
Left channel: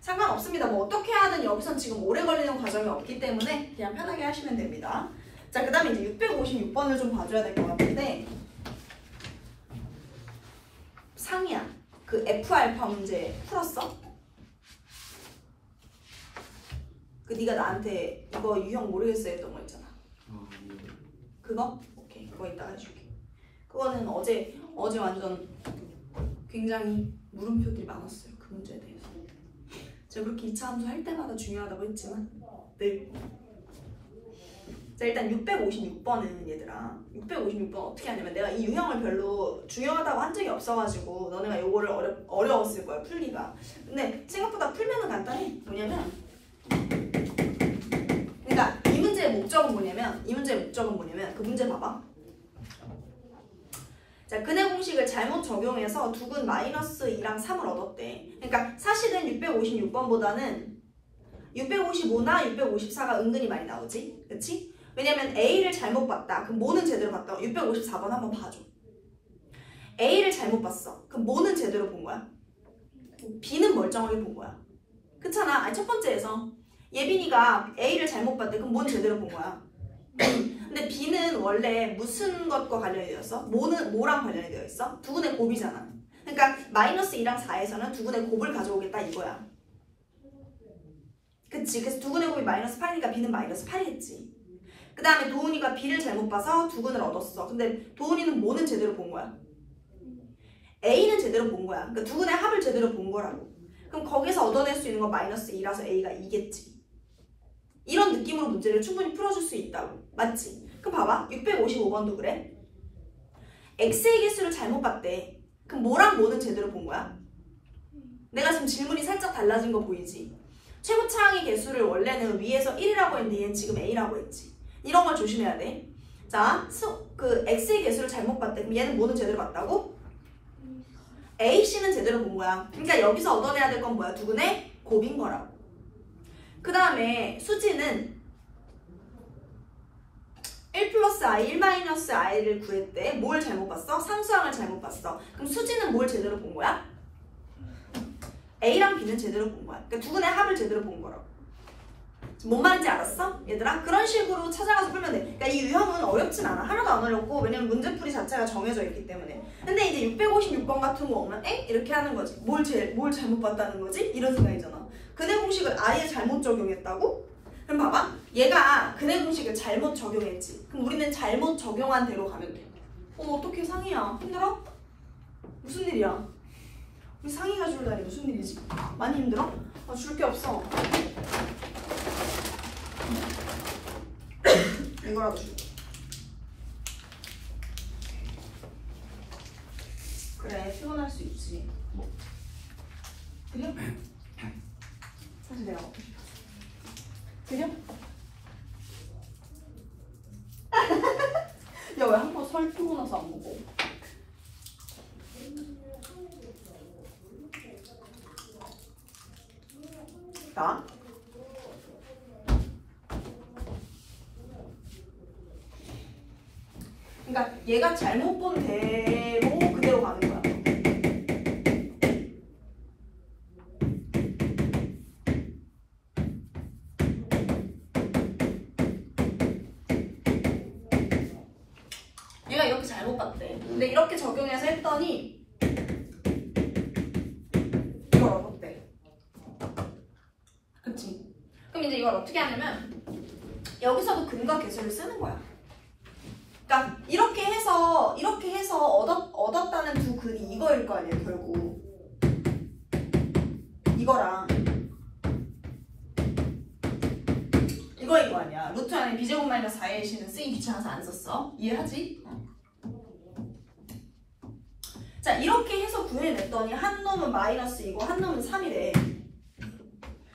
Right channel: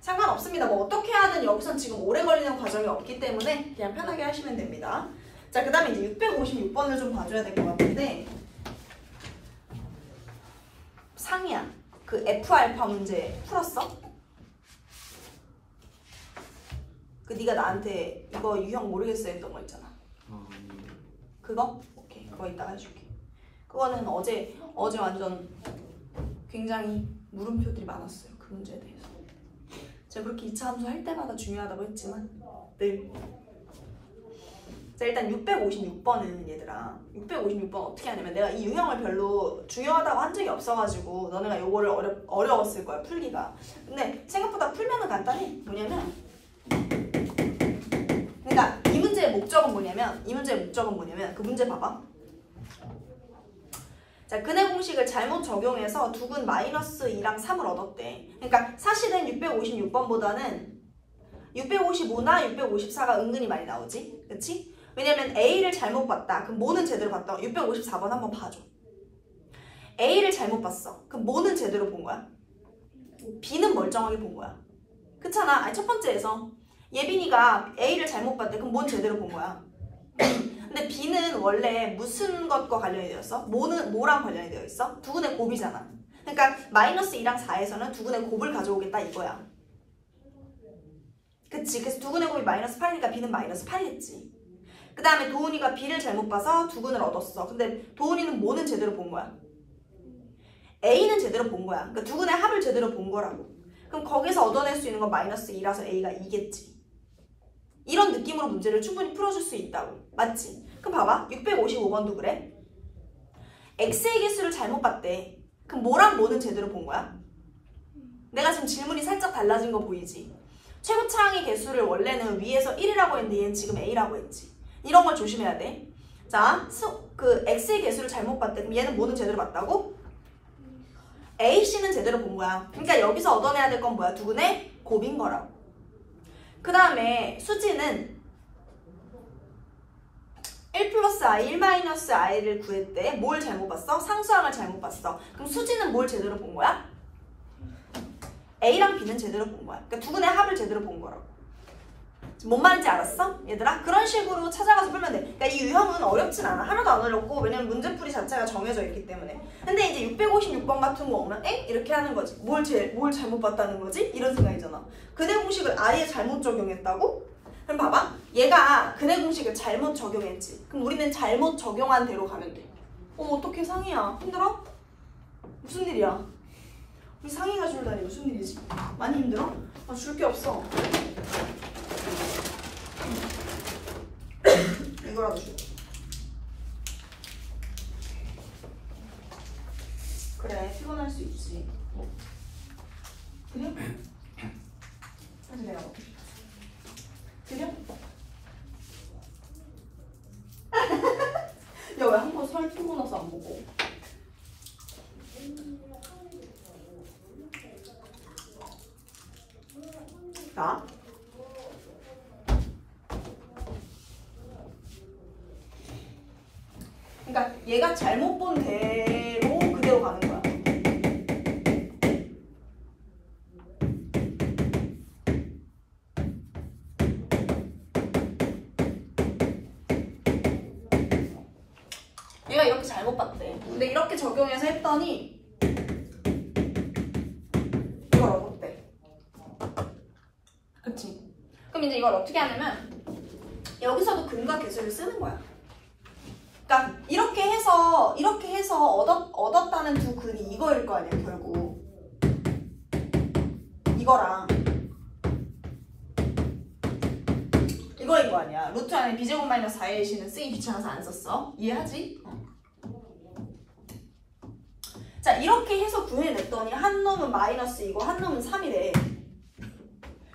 상관없습니다. 뭐 어떻게 하든 여기선 지금 오래 걸리는 과정이 없기 때문에 그냥 편하게 하시면 됩니다. 자, 그 다음에 이제 656번을 좀 봐줘야 될 것 같은데, 상이야. 그 F알파 문제 풀었어? 그 네가 나한테 이거 유형 모르겠어 했던 거 있잖아. 그거? 오케이. 그거 이따가 해줄게. 그거는 어제 완전 굉장히 물음표들이 많았어요. 그 문제에 대해서. 제가 그렇게 2차 함수 할 때마다 중요하다고 했지만 늘. 자, 일단 656번은 얘들아, 656번 어떻게 하냐면, 내가 이 유형을 별로 중요하다고 한 적이 없어가지고 너네가 요거를 어려웠을 거야, 풀기가. 근데 생각보다 풀면은 간단해. 뭐냐면, 그러니까 이 문제의 목적은 뭐냐면 그 문제 봐봐. 자, 근해 공식을 잘못 적용해서 두근 마이너스 2랑 3을 얻었대. 그러니까 사실은 656번보다는 655나 654가 은근히 많이 나오지, 그치? 왜냐면 A를 잘못 봤다. 그럼 뭐는 제대로 봤다고? 654번 한번 봐줘. A를 잘못 봤어. 그럼 뭐는 제대로 본 거야? B는 멀쩡하게 본 거야. 그렇잖아. 아니, 첫 번째에서 예빈이가 A를 잘못 봤대. 그럼 뭔 제대로 본 거야? 근데 B는 원래 무슨 것과 관련이 되어 있어? 뭐랑 관련이 되어 있어? 두근의 곱이잖아. 그러니까 마이너스 2랑 4에서는 두근의 곱을 가져오겠다 이거야. 그치? 그래서 두근의 곱이 마이너스 8이니까 B는 마이너스 8이겠지. 그 다음에 도훈이가 B를 잘못 봐서 두근을 얻었어. 근데 도훈이는 뭐는 제대로 본 거야? A는 제대로 본 거야. 그러니까 두근의 합을 제대로 본 거라고. 그럼 거기서 얻어낼 수 있는 건 마이너스 2라서 A가 2겠지. 이런 느낌으로 문제를 충분히 풀어줄 수 있다고. 맞지? 그럼 봐봐. 655번도 그래. X의 개수를 잘못 봤대. 그럼 뭐랑 뭐는 제대로 본 거야? 내가 지금 질문이 살짝 달라진 거 보이지? 최고차항의 개수를 원래는 위에서 1이라고 했는데 얘는 지금 A라고 했지. 이런 걸 조심해야 돼. 자, 그 X의 개수를 잘못 봤대. 그럼 얘는 뭐는 제대로 봤다고? AC는 제대로 본 거야. 그러니까 여기서 얻어내야 될 건 뭐야? 두근의 곱인 거라고. 그 다음에 수지는 1 플러스 I, 1 마이너스 I를 구했대. 뭘 잘못 봤어? 상수항을 잘못 봤어. 그럼 수지는 뭘 제대로 본 거야? A랑 B는 제대로 본 거야. 그러니까 두근의 합을 제대로 본 거라고. 뭔 말인지 알았어? 얘들아? 그런 식으로 찾아가서 풀면 돼. 그러니까 이 유형은 어렵진 않아. 하나도 안 어렵고, 왜냐면 문제풀이 자체가 정해져 있기 때문에. 근데 이제 656번 같은 거 오면 에? 이렇게 하는 거지. 뭘 잘못 봤다는 거지? 이런 생각이잖아. 근해 공식을 아예 잘못 적용했다고? 그럼 봐봐. 얘가 근해 공식을 잘못 적용했지. 그럼 우리는 잘못 적용한 대로 가면 돼. 어떻게 상이야? 힘들어? 무슨 일이야? 우리 상의가 줄다니 무슨 일이지? 많이 힘들어? 줄 게 없어. 이거라도 줄게. 그래, 피곤할 수 있지. 뭐. 그래? 사실 내가 어떻게 봤어? 들려? 야, 왜 한 번 설 피곤해서 안 먹어? 나? 그러니까 얘가 잘못 본 대로 그대로 가는 거야. 얘가 이렇게 잘못 봤대. 근데 이렇게 적용해서 했더니 이걸 어렵대. 그치? 그럼 이제 이걸 어떻게 하냐면 여기서도 근과 계수를 쓰는 거야. 그러니까 이렇게 해서 얻었다는 두 근이 이거일 거 아니에요, 결국. 이거랑 이거인 거 아니야. 루트 안에 b제곱 마이너스 4의 시는 쓰기 귀찮아서 안 썼어. 이해하지? 자, 이렇게 해서 구해냈더니 한 놈은 마이너스이고 한 놈은 3이래.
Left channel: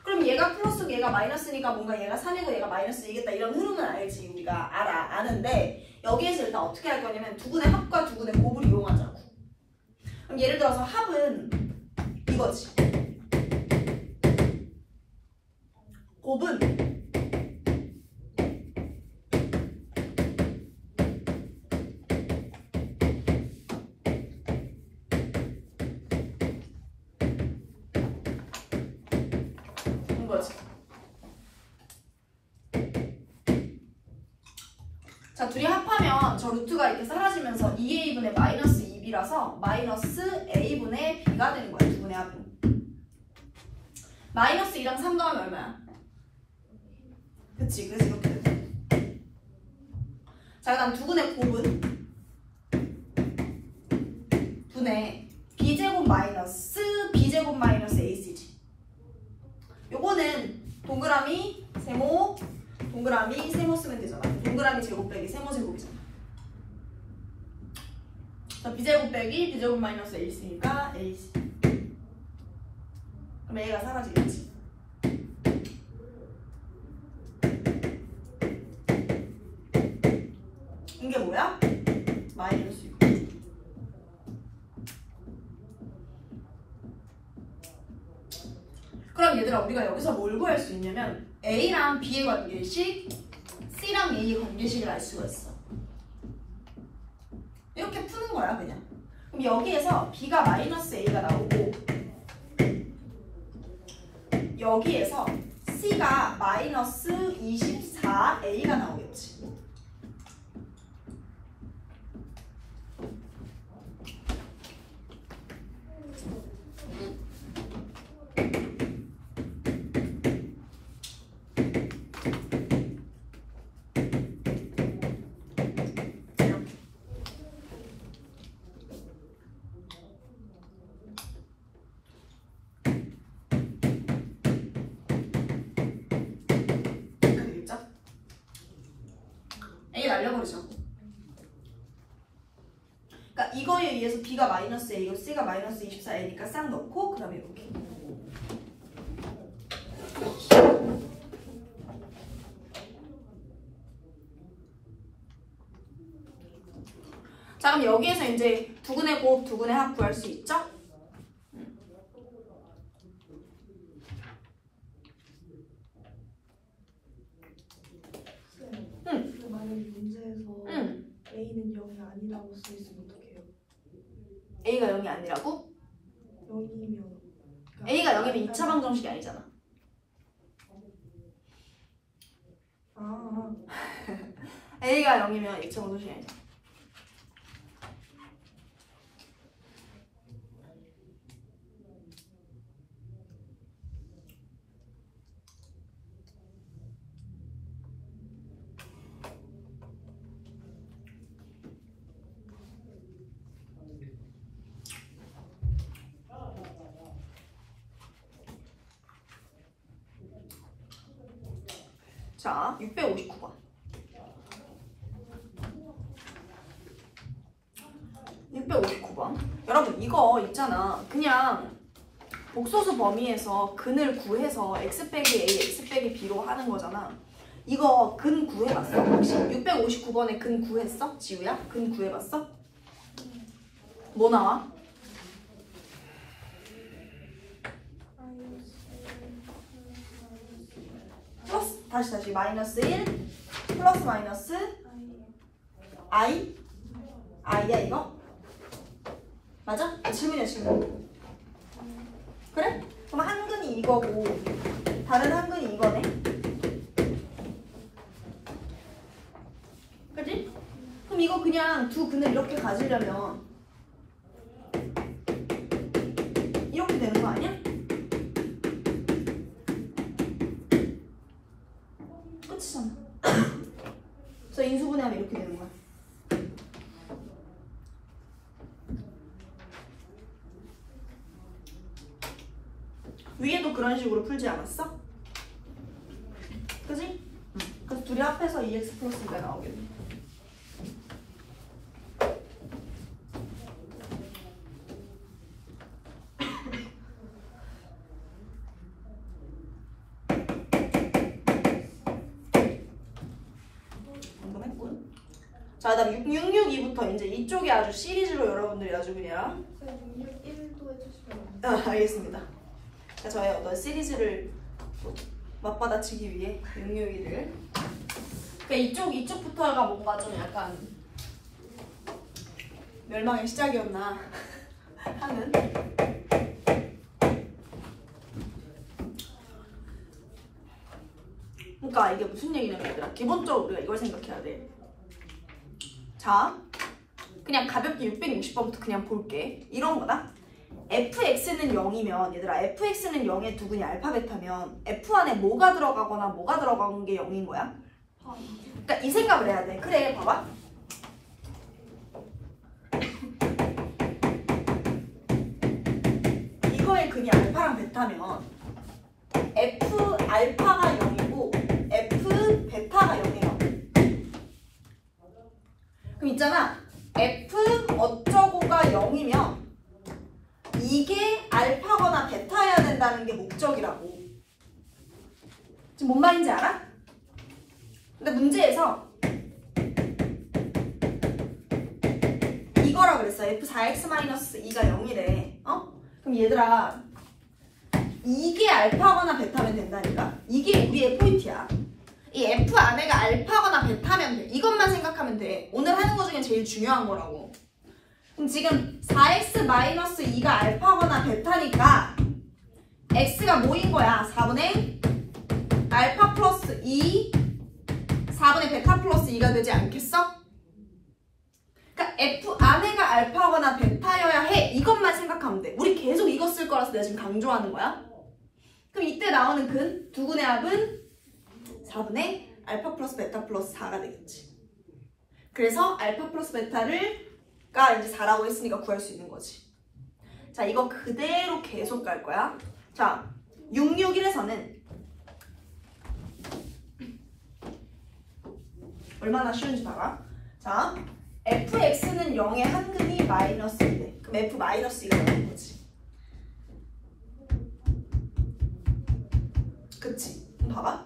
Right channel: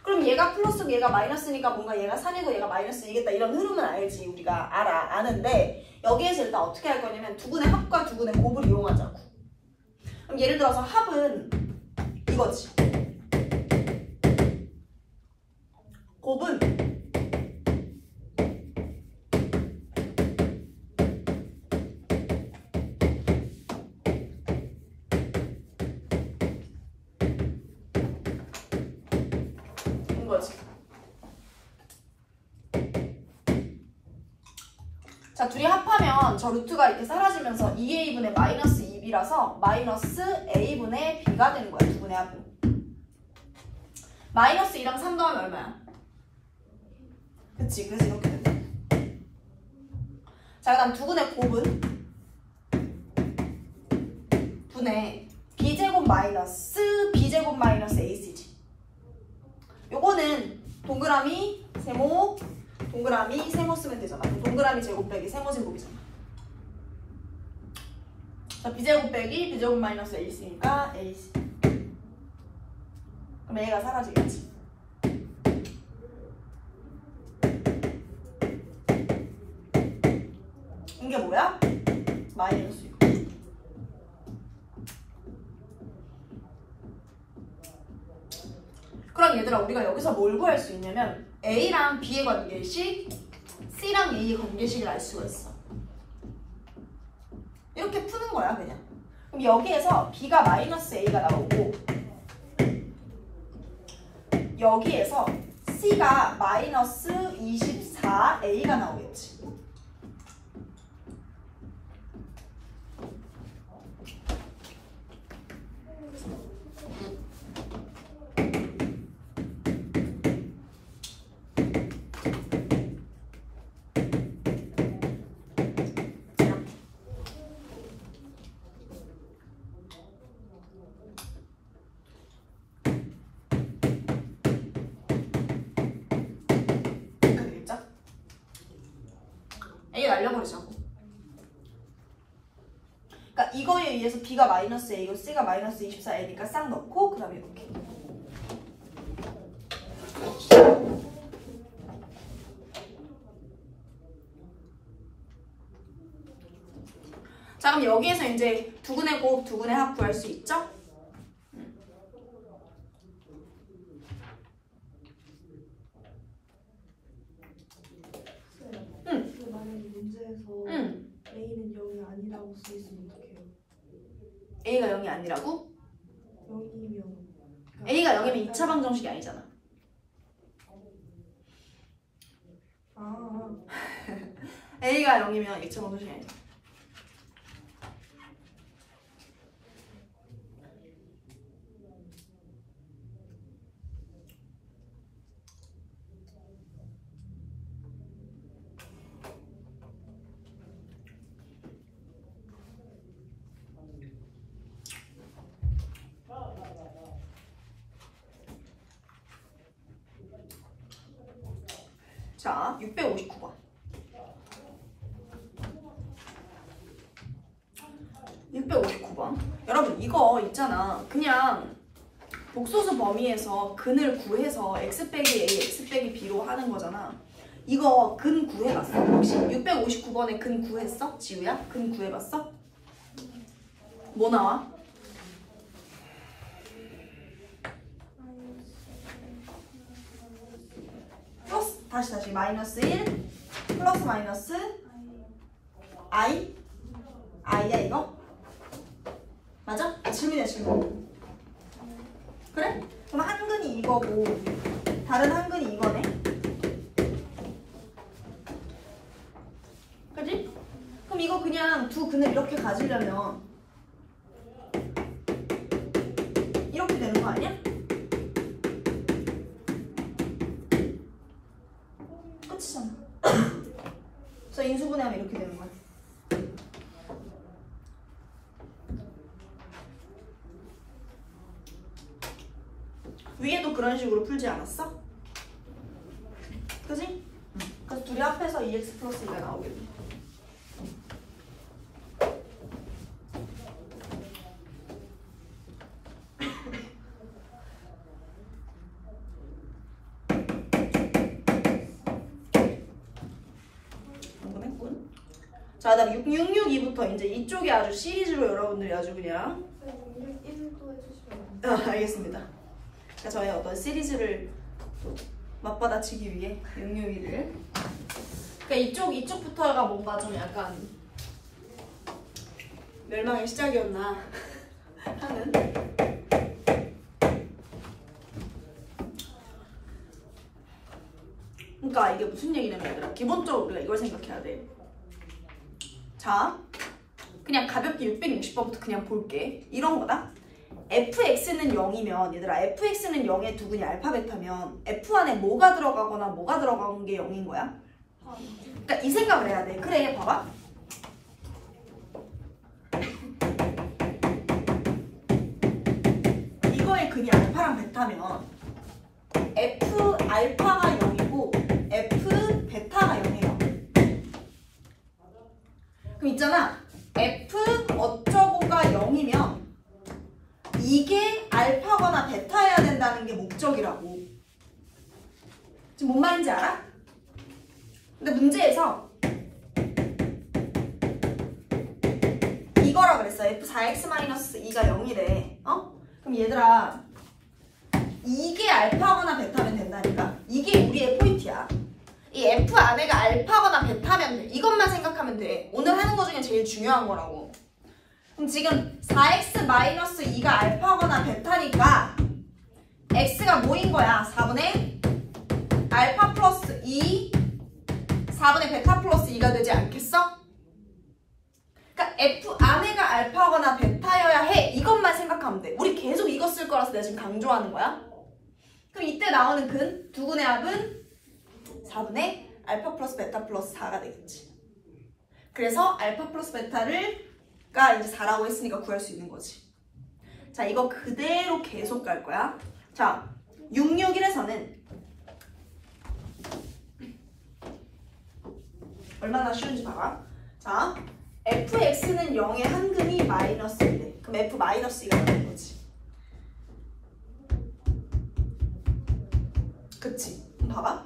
그럼 얘가 플러스고 얘가 마이너스니까 뭔가 얘가 3이고 얘가 마이너스이겠다. 이런 흐름은 알지. 우리가 아는데 여기에서 일단 어떻게 할 거냐면 두근의 합과 두근의 곱을 이용하자고. 그럼 예를 들어서 합은 이거지. 곱은 이거지. 자, 둘이 합하면 저 루트가 이렇게 사라지면서 2a분의 마이너스 2b라서 마이너스 a분의 b가 되는 거야. 두분의 합은. 마이너스 2랑 3 더하면 얼마야? 그치, 그래서 이렇게 돼. 자, 그 다음 두분의 곱은 분의 b제곱 마이너스 b제곱 마이너스 ac지. 요거는 동그라미 세모 동그라미 세모 쓰면 되잖아. 동그라미 제곱 빼기 세모 제곱이잖아. 자, b제곱 빼기 b제곱 마이너스 a 있으니까 ac. 그럼 a가 사라지겠지. 이게 뭐야? 마이너스 6. 그럼 얘들아, 우리가 여기서 뭘 구할 수 있냐면 A랑 B의 관계식, C랑 A의 관계식을 알 수가 있어. 이렇게 푸는 거야, 그냥. 그럼 여기에서 B가 마이너스 A가 나오고 여기에서 C가 마이너스 24A가 나오겠지. 날려버리자고. 그러니까 이거에 의해서 B가 마이너스 A고 C가 마이너스 24A니까 싹 넣고 그 다음에 이렇게. 자, 그럼 여기에서 이제 두근의 곱, 두근의 합 구할 수 있죠? A는 0이 아니라고 써 있으면 어떡해요? A가 0이 아니라고? 0이면 A가 0이면 2차 방정식이 아니잖아. A가 0이면 2차 방정식이 아니잖아. 자, 659번. 659번. 여러분 이거 있잖아. 그냥 복소수 범위에서 근을 구해서 x 빼기 a, x 빼기 b로 하는 거잖아. 이거 근 구해봤어? 혹시 659번에 근 구했어? 지우야? 근 구해봤어? 뭐 나와? 플러스 다시 마이너스 1 플러스 마이너스 i i야 이거? 맞아? 질문이야 질문. 그래? 그럼 한근이 이거고 다른 한근이 이거네. 그치? 그럼 이거 그냥 두 근을 이렇게 가지려면 이렇게 되는 거 아니야? 끝이잖아. 그래서 인수분해하면 이렇게 되는 거야. 위에도 그런 식으로 풀지 않았어? 그지? 그래서 둘이 합해서 2x 플러스 2가 나오겠네. 궁금했군. 자, 다음 662부터 이제 이쪽이 아주 시리즈로 여러분들이 아주 그냥 1도 해주시면 알겠습니다. 자, 저의 어떤 시리즈를 맞받아치기 위해 662를 그러니까 이쪽부터가 뭔가 좀 약간 멸망의 시작이었나 하는. 그러니까 이게 무슨 얘기냐면 얘들아, 기본적으로 우리가 이걸 생각해야 돼. 자, 그냥 가볍게 660번부터 그냥 볼게. 이런 거다. fx는 0이면 얘들아, fx는 0의 두 근이 알파 베타면 f 안에 뭐가 들어가거나 뭐가 들어간 게 0인 거야. 그러니까 이 생각을 해야 돼. 그래, 봐봐. 이거의 근이 알파랑 베타면 f 알파가 0이고 f 베타가 0이에요. 그럼 있잖아, f 어쩌고가 0이면 이게 알파거나 베타여야 된다는 게 목적이라고. 지금 뭔 말인지 알아? 근데 문제에서 이거라 그랬어. f4x-2가 0이래. 그럼 얘들아, 이게 알파거나 베타면 된다니까? 이게 우리의 포인트야. 이 f 안에가 알파거나 베타면 돼. 이것만 생각하면 돼. 오늘 하는 거 중에 제일 중요한 거라고. 그럼 지금 4x-2가 알파거나 베타니까 x가 뭐인 거야? 4분의 알파 플러스 2 4분의 베타 플러스 2가 되지 않겠어? 그러니까 f 안에가 알파거나 베타여야 해. 이것만 생각하면 돼. 우리 계속 이거 쓸 거라서 내가 지금 강조하는 거야. 그럼 이때 나오는 근, 두 근의 합은 4분의 알파 플러스 베타 플러스 4가 되겠지. 그래서 알파 플러스 베타를 가 이제 4라고 했으니까 구할 수 있는 거지. 자, 이거 그대로 계속 갈 거야. 자, 661에서는 얼마나 쉬운지 봐봐. 자, fx는 0의 한근이 마이너스 1대. 그럼 f 마이너스 2가 되는 거지. 그치? 그럼 봐봐.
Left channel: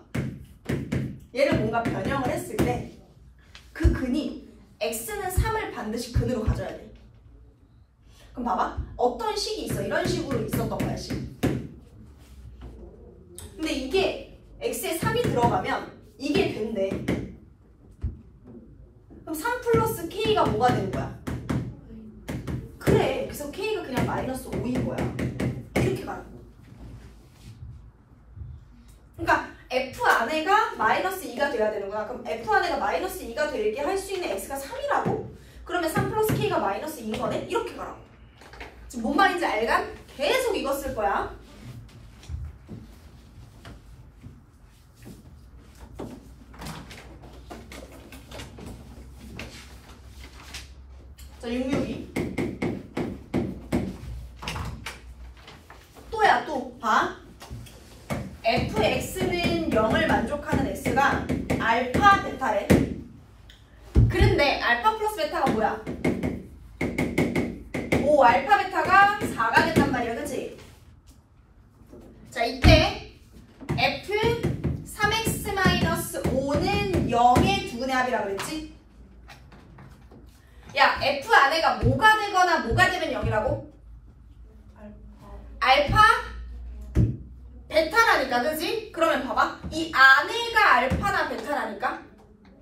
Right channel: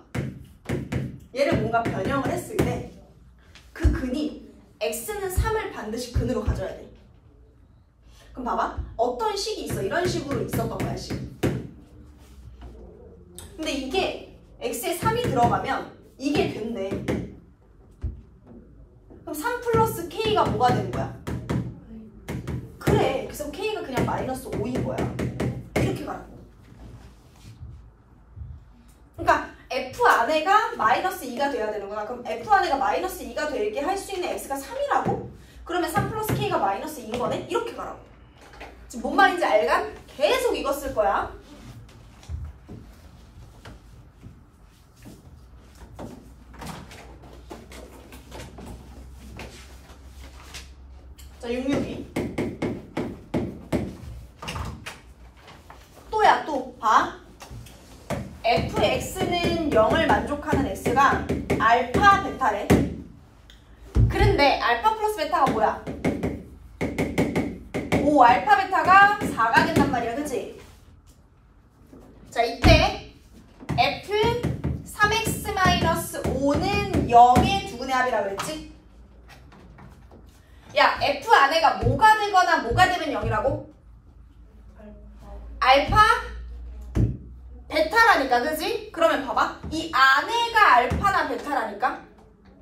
얘를 뭔가 변형을 했을 때 그 근이 x는 3을 반드시 근으로 가져야 돼. 그럼 봐봐. 어떤 식이 있어. 이런 식으로 있었던 거야, 식. 근데 이게 x에 3이 들어가면 이게 된대. 그럼 3 플러스 k가 뭐가 되는 거야? 그래. 그래서 k가 그냥 마이너스 5인 거야. 이렇게 가요. 그러니까 f 안에가 마이너스 2가 돼야 되는 거야. 그럼 f 안에가 마이너스 2가 되게 할 수 있는 x가 3이라고? 그러면 3 플러스 k가 마이너스 2인 거네? 이렇게 가라고. 지금 뭔 말인지 알간? 계속 이거 쓸 거야. 자, 662. 또야, 또. 봐. fx는 0을 만족하는 x가 베타가 뭐야? 5 알파 베타가 4가 된단 말이야. 그치? 자, 이때 F 3x-5는 0의 두근의 합이라 그랬지? 야, F 안에가 뭐가 되거나 뭐가 되면 0이라고? 알파 베타라니까, 그지? 그러면 봐봐. 이 안에가 알파나 베타라니까?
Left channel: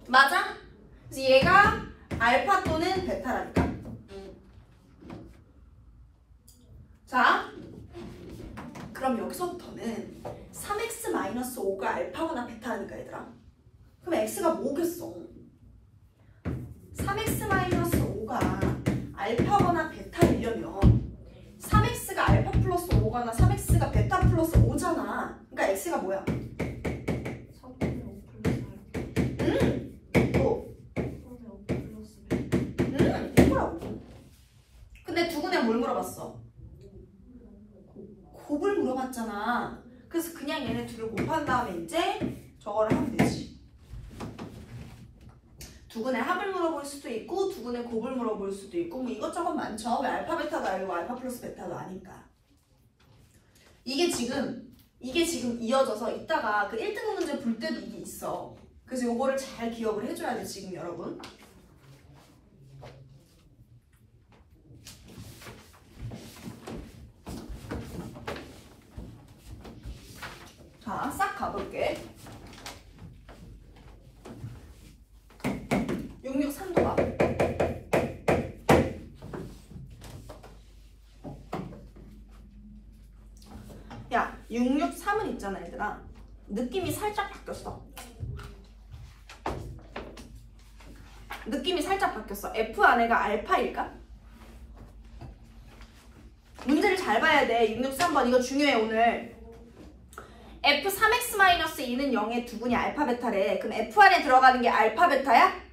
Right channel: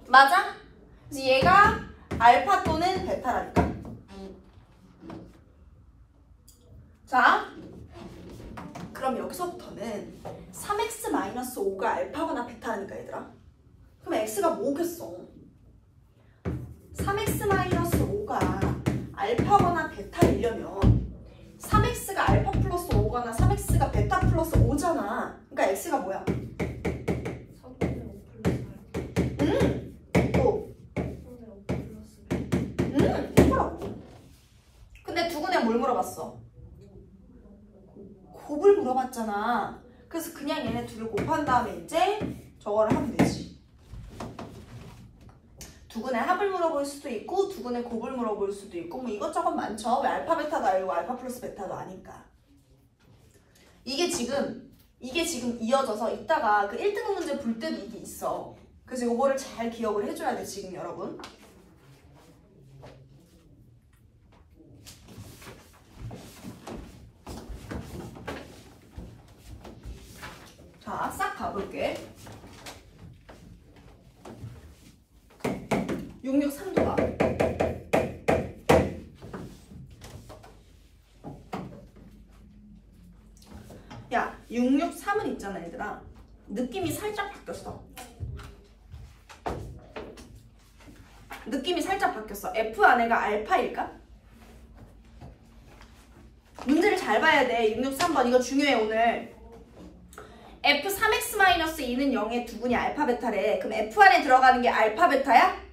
맞아? 그래서 얘가 알파 또는 베타라니까? 자, 그럼 여기서부터는 3x-5가 알파거나 베타라니까, 얘들아. 그럼 x가 뭐겠어? 3x-5가 알파거나 베타이려면 3x가 알파 플러스 5거나 3x가 베타 플러스 5잖아. 그러니까 x가 뭐야? 3분의 5 플러스 8. 또 3분의 5 플러스 8. 이거라고. 근데 두근에 뭘 물어봤어? 곱을 물어봤잖아. 그래서 그냥 얘네 둘을 곱한 다음에 이제 저거를 하면 되지. 두근의 합을 물어볼 수도 있고 두근의 곱을 물어볼 수도 있고 뭐 이것저것 많죠. 왜 알파 베타도 알고 알파 플러스 베타도 아니까. 이게 지금 이어져서 이따가 그 1등급 문제 볼 때도 이게 있어. 그래서 이거를 잘 기억을 해줘야 돼 지금 여러분. 자, 싹 가볼게. 663도 가볼게. 야, 663은 있잖아, 얘들아. 느낌이 살짝 바뀌었어. 느낌이 살짝 바뀌었어. F 안에가 알파일까? 문제를 잘 봐야 돼. 663번 이거 중요해 오늘. F 3x-2는 0의 두분이 알파 베타래. 그럼 F 안에 들어가는 게 알파 베타야?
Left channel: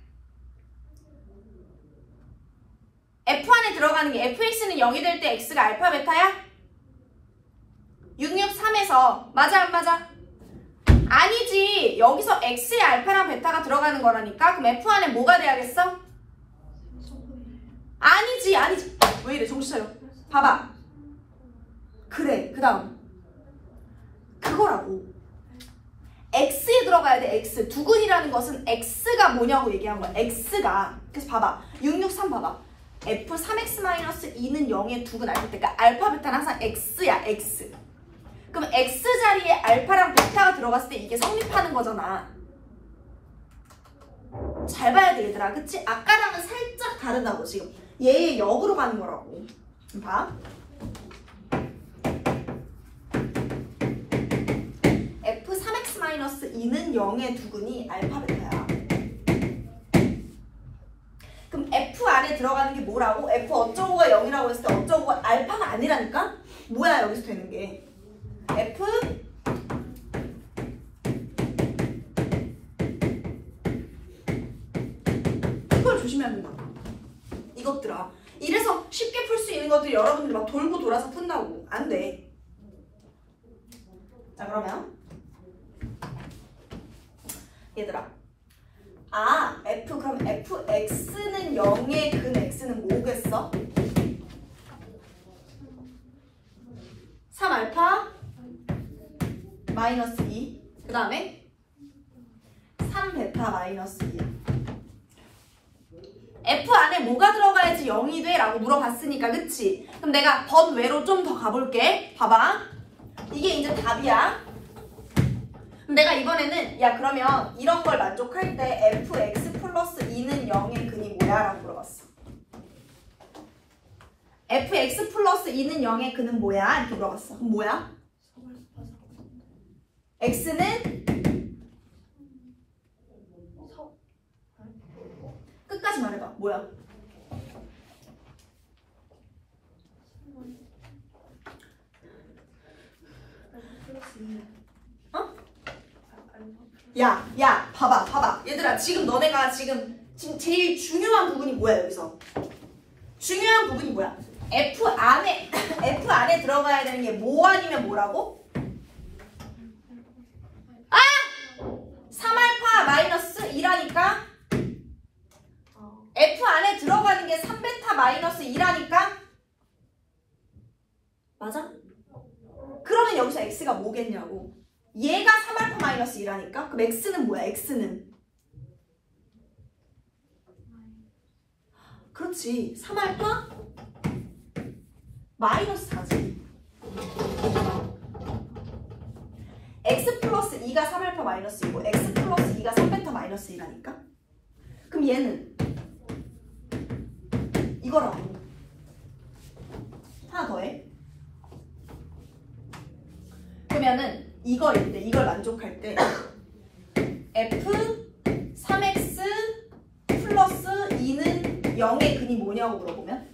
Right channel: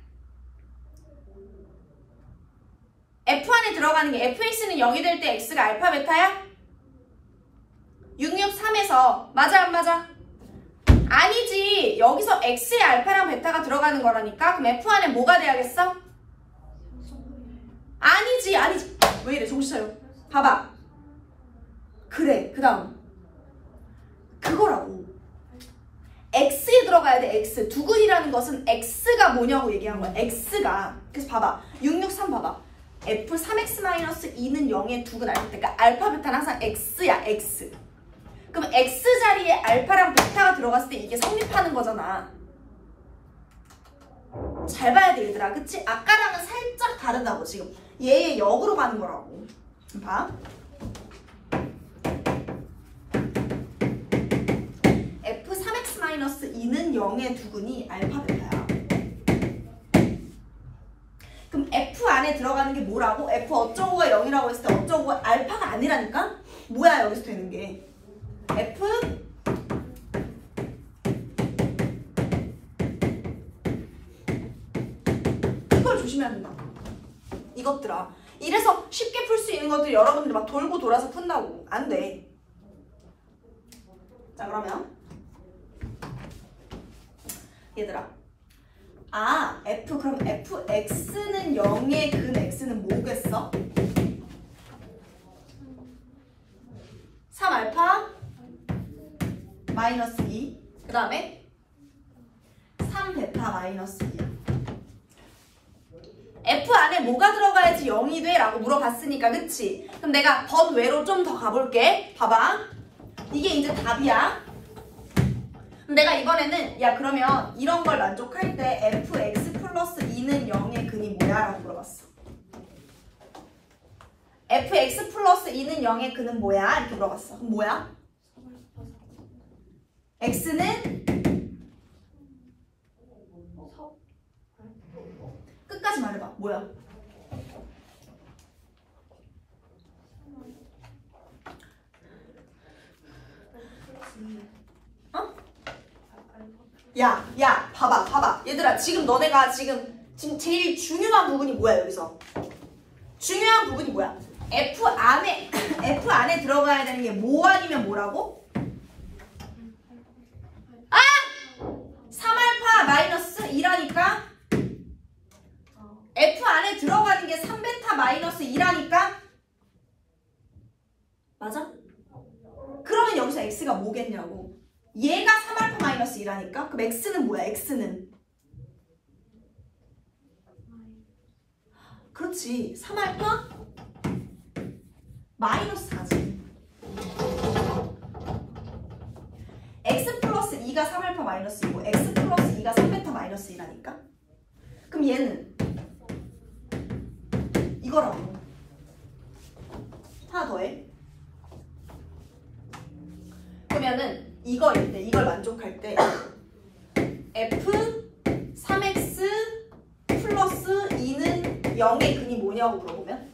F 안에 들어가는 게 fx는 0이 될 때 x가 알파 베타야? 663에서 맞아 안 맞아? 아니지. 여기서 x의 알파랑 베타가 들어가는 거라니까. 그럼 F 안에 뭐가 돼야겠어? 아니지. 왜 이래 정신 차려. 봐봐. 그래. 그 다음 그거라고. x에 들어가야 돼. x. 두근이라는 것은 x가 뭐냐고 얘기한 거야. x가. 그래서 봐봐. 663 봐봐. F 3x-2는 0의 두근 알파 때니까 알파 베타는 항상 x야. x. 그럼 x 자리에 알파랑 베타가 들어갔을 때 이게 성립하는 거잖아. 잘 봐야 돼 얘들아. 그치? 아까랑은 살짝 다르다고 지금. 얘의 역으로 가는 거라고. 봐. F 3x-2는 0의 두근이 알파 베타야. 그럼 F 안에 들어가는 게 뭐라고? F 어쩌고가 0이라고 했을 때 어쩌고가 알파가 아니라니까? 뭐야 여기서 되는 게? F 이걸 조심해야 된다고. 이것들아. 이래서 쉽게 풀 수 있는 것들이 여러분들이 막 돌고 돌아서 푼다고. 안 돼. 자 그러면 얘들아. 그럼 fx는 0의 근 x는 뭐겠어? 3알파 마이너스 2. 그 다음에 3베타 마이너스 2야. F 안에 뭐가 들어가야지 0이 돼? 라고 물어봤으니까 그치? 그럼 내가 번외로 좀 더 가볼게. 봐봐. 이게 이제 답이야. 그럼 내가 이번에는 야 그러면 이런 걸 만족할 때 fx 플러스 2는 0의 근이 뭐야? 라고 물어봤어. fx 플러스 2는 0의 근은 뭐야? 이렇게 물어봤어. 그럼 뭐야? x는 끝까지 말해봐. 뭐야? 어? 야, 봐봐. 얘들아, 지금 너네가 지금 제일 중요한 부분이 뭐야, 여기서? 중요한 부분이 뭐야? F 안에 들어가야 되는 게 뭐 아니면 뭐라고? 3알파 마이너스 2라니까? F 안에 들어가는 게 3베타 마이너스 2라니까? 맞아? 그러면 여기서 x가 뭐겠냐고. 얘가 3알파 마이너스 2라니까? 그럼 x는 뭐야? x는 그렇지. 3알파 마이너스 4지. x 플러스 2가 3알파 마이너스 2고 x 플러스 2가 3베타 마이너스 2라니까? 그럼 얘는 이거라고. 하나 더해. 그러면은 이거일 때, 이걸 만족할 때 f 3x 플러스 2는 0의 근이 뭐냐고 물어보면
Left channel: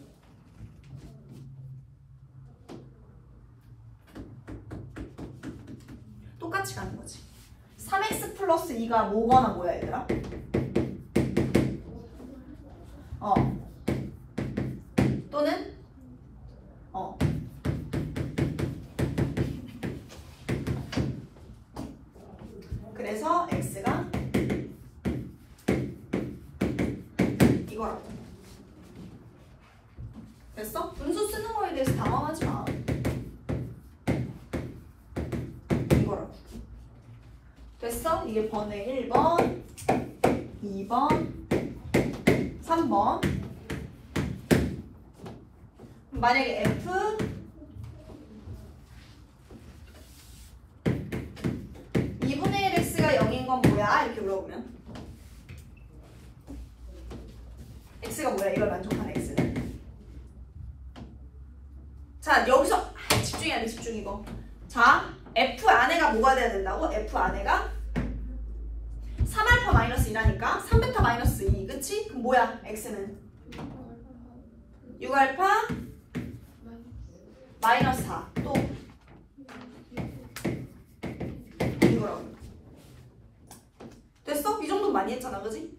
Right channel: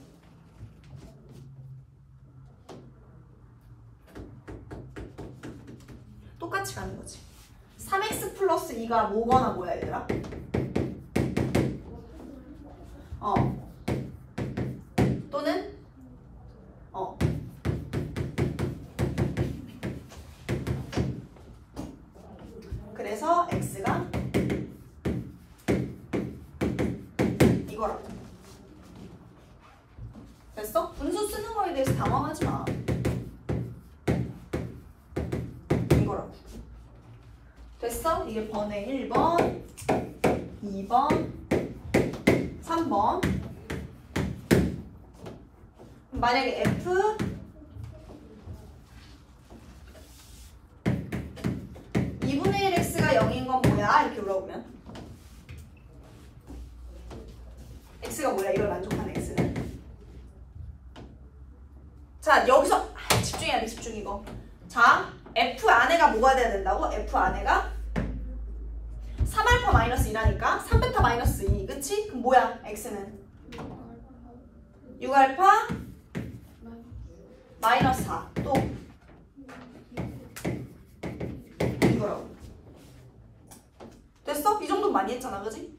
똑같이 가는 거지. 3x 플러스 2가 뭐거나 뭐야 얘들아? 또는 그래서 x가 이거라고. 됐어? 분수 쓰는 거에 대해서 당황하지 마. 이거라고. 됐어? 이게 번의 1번, 2번, 3번. 만약에 f 2분의 1 x가 0인 건 뭐야? 이렇게 물어보면 x가 뭐야? 이걸 만족하는 x는. 자, 여기서 집중해야 돼. 집중 이거. 자, f 안에가 뭐가 돼야 된다고? f 안에가 3알파 마이너스 2라니까 3베타 마이너스 2. 그치? 그럼 뭐야? x는 6알파 마이너스 4. 또 이거라고. 됐어? 이 정도 많이 했잖아. 그지?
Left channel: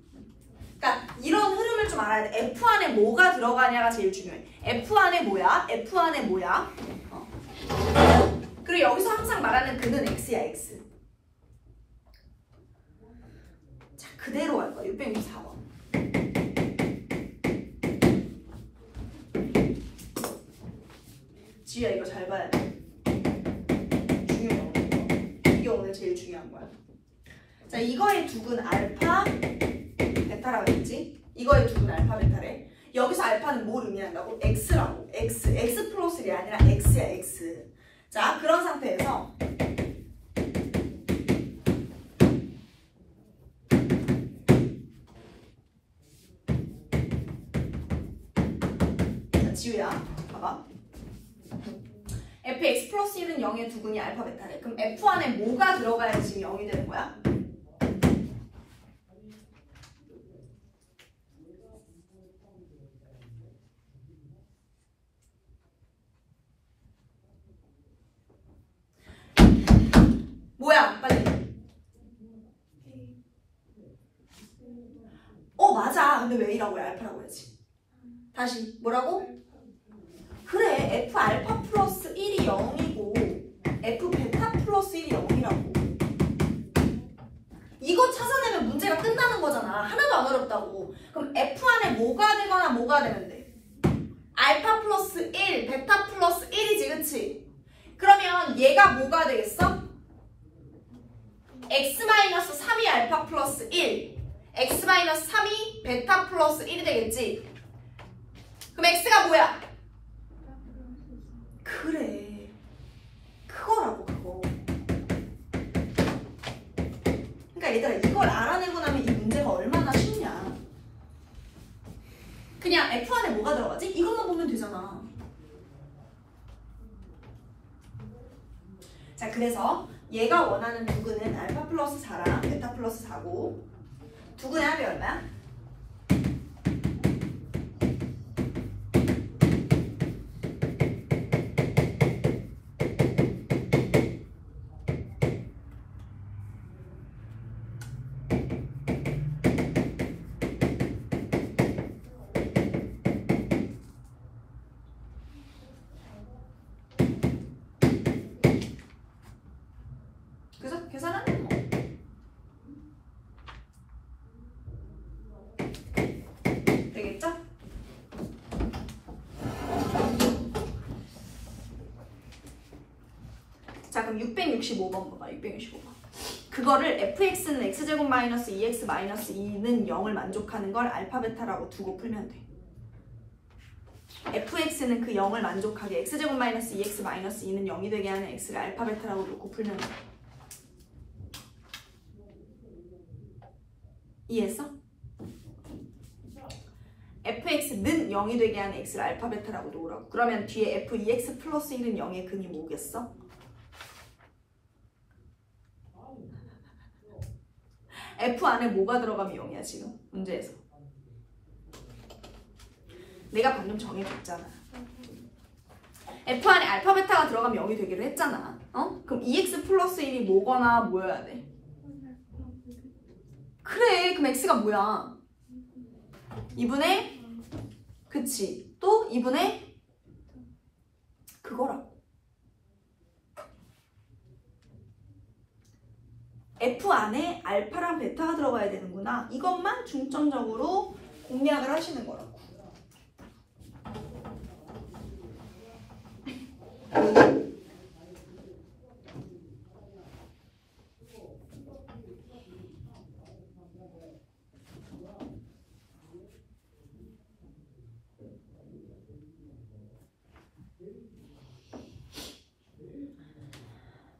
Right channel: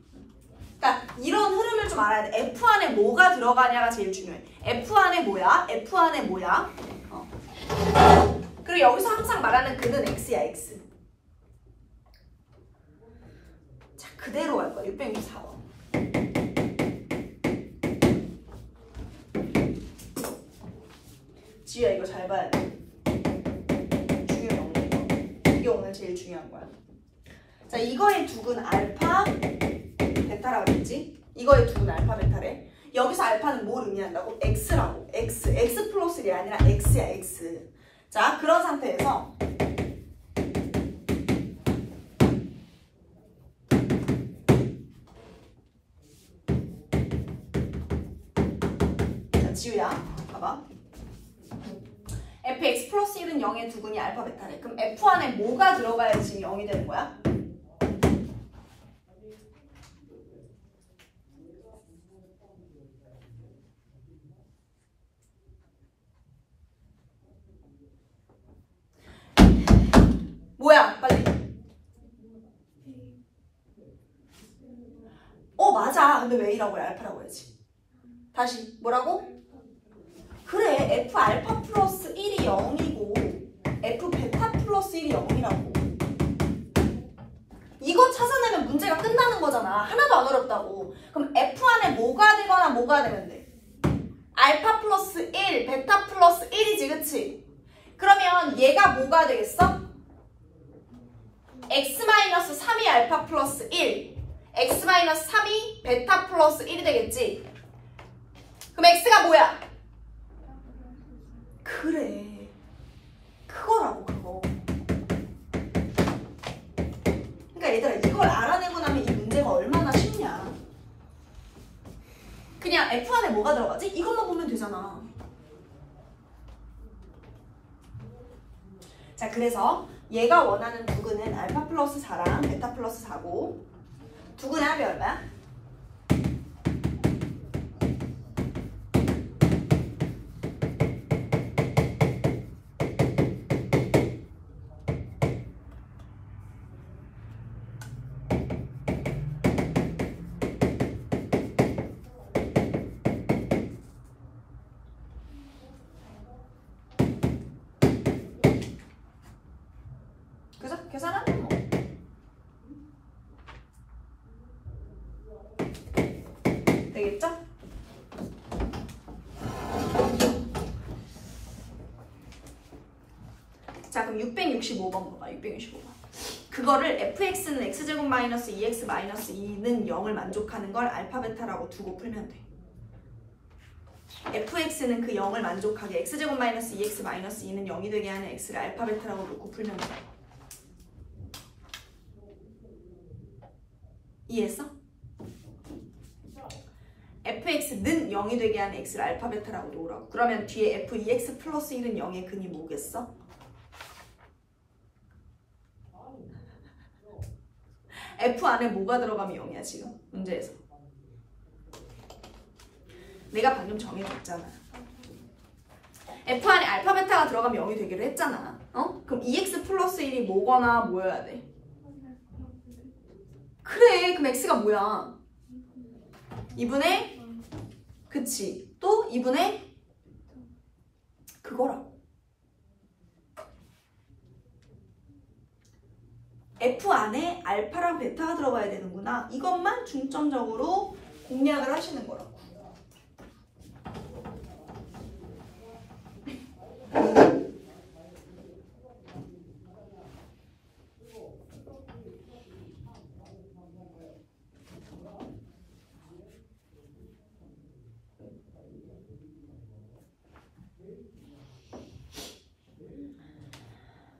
그러니까 이런 흐름을 좀 알아야 돼. F 안에 뭐가 들어가냐가 제일 중요해. F 안에 뭐야? F 안에 뭐야? 그리고 여기서 항상 말하는 그는 X야. X. 자, 그대로 할 거야. 664번. 지우야, 이거 잘 봐야 돼. 중요해, 오늘. 이게 오늘 제일 중요한 거야. 자, 이거의 두근 알파, 베타라고 했지? 이거의 두근 알파, 베타래. 여기서 알파는 뭘 의미한다고? X라고. X. X 플러스 1이 아니라 X야, X. 자, 그런 상태에서 자, 지우야, 봐봐. fx 플러스 1은 0의 두근이 알파, 베타래. 그럼 f 안에 뭐가 들어가야 지금 0이 되는 거야? 뭐야? 빨리. 맞아. 근데 왜 이라고 해? 알파라고 해야지. 다시. 뭐라고? 그래. f 알파 플러스 1이 0이고 f 베타 플러스 1이 0이라고. 이거 찾아내면 문제가 끝나는 거잖아. 하나도 안 어렵다고. 그럼 f 안에 뭐가 되거나 뭐가 되면 돼? 알파 플러스 1, 베타 플러스 1이지. 그치? 그러면 얘가 뭐가 되겠어? x-3이 알파 플러스 1, x-3이 베타 플러스 1이 되겠지? 그럼 x가 뭐야? 그래. 그거라고, 그거. 그러니까 얘들아, 이걸 알아내고 나면 이 문제가 얼마나 쉽냐. 그냥 f 안에 뭐가 들어가지? 이것만 보면 되잖아. 자, 그래서 얘가 원하는 두근은 알파 플러스 4랑 베타 플러스 4고 두근의 합이 얼마야? 그래서 계산하면 뭐. 되겠죠? 자, 그럼 665번 봐봐. 665번. 그거를 fx는 x제곱 마이너스 2x 마이너스 2는 0을 만족하는 걸 알파 베타라고 두고 풀면 돼. fx는 그 0을 만족하게 x제곱 마이너스 2x 마이너스 2는 0이 되게 하는 x를 알파 베타라고 놓고 풀면 돼. 이해했어? fx는 0이 되게 하는 x를 알파 베타라고 놓으라고. 그러면 뒤에 f2x 플러스 1은 0의 근이 뭐겠어? f 안에 뭐가 들어가면 0이야 지금 문제에서. 내가 방금 정해줬잖아. f 안에 알파 베타가 들어가면 0이 되기로 했잖아. 어? 그럼 2x 플러스 1이 뭐거나 뭐여야 돼? 그래, 그럼 x가 뭐야? 2분의 그치, 또 2분의 그거라고. F 안에 알파랑 베타가 들어가야 되는구나. 이것만 중점적으로 공략을 하시는 거라고.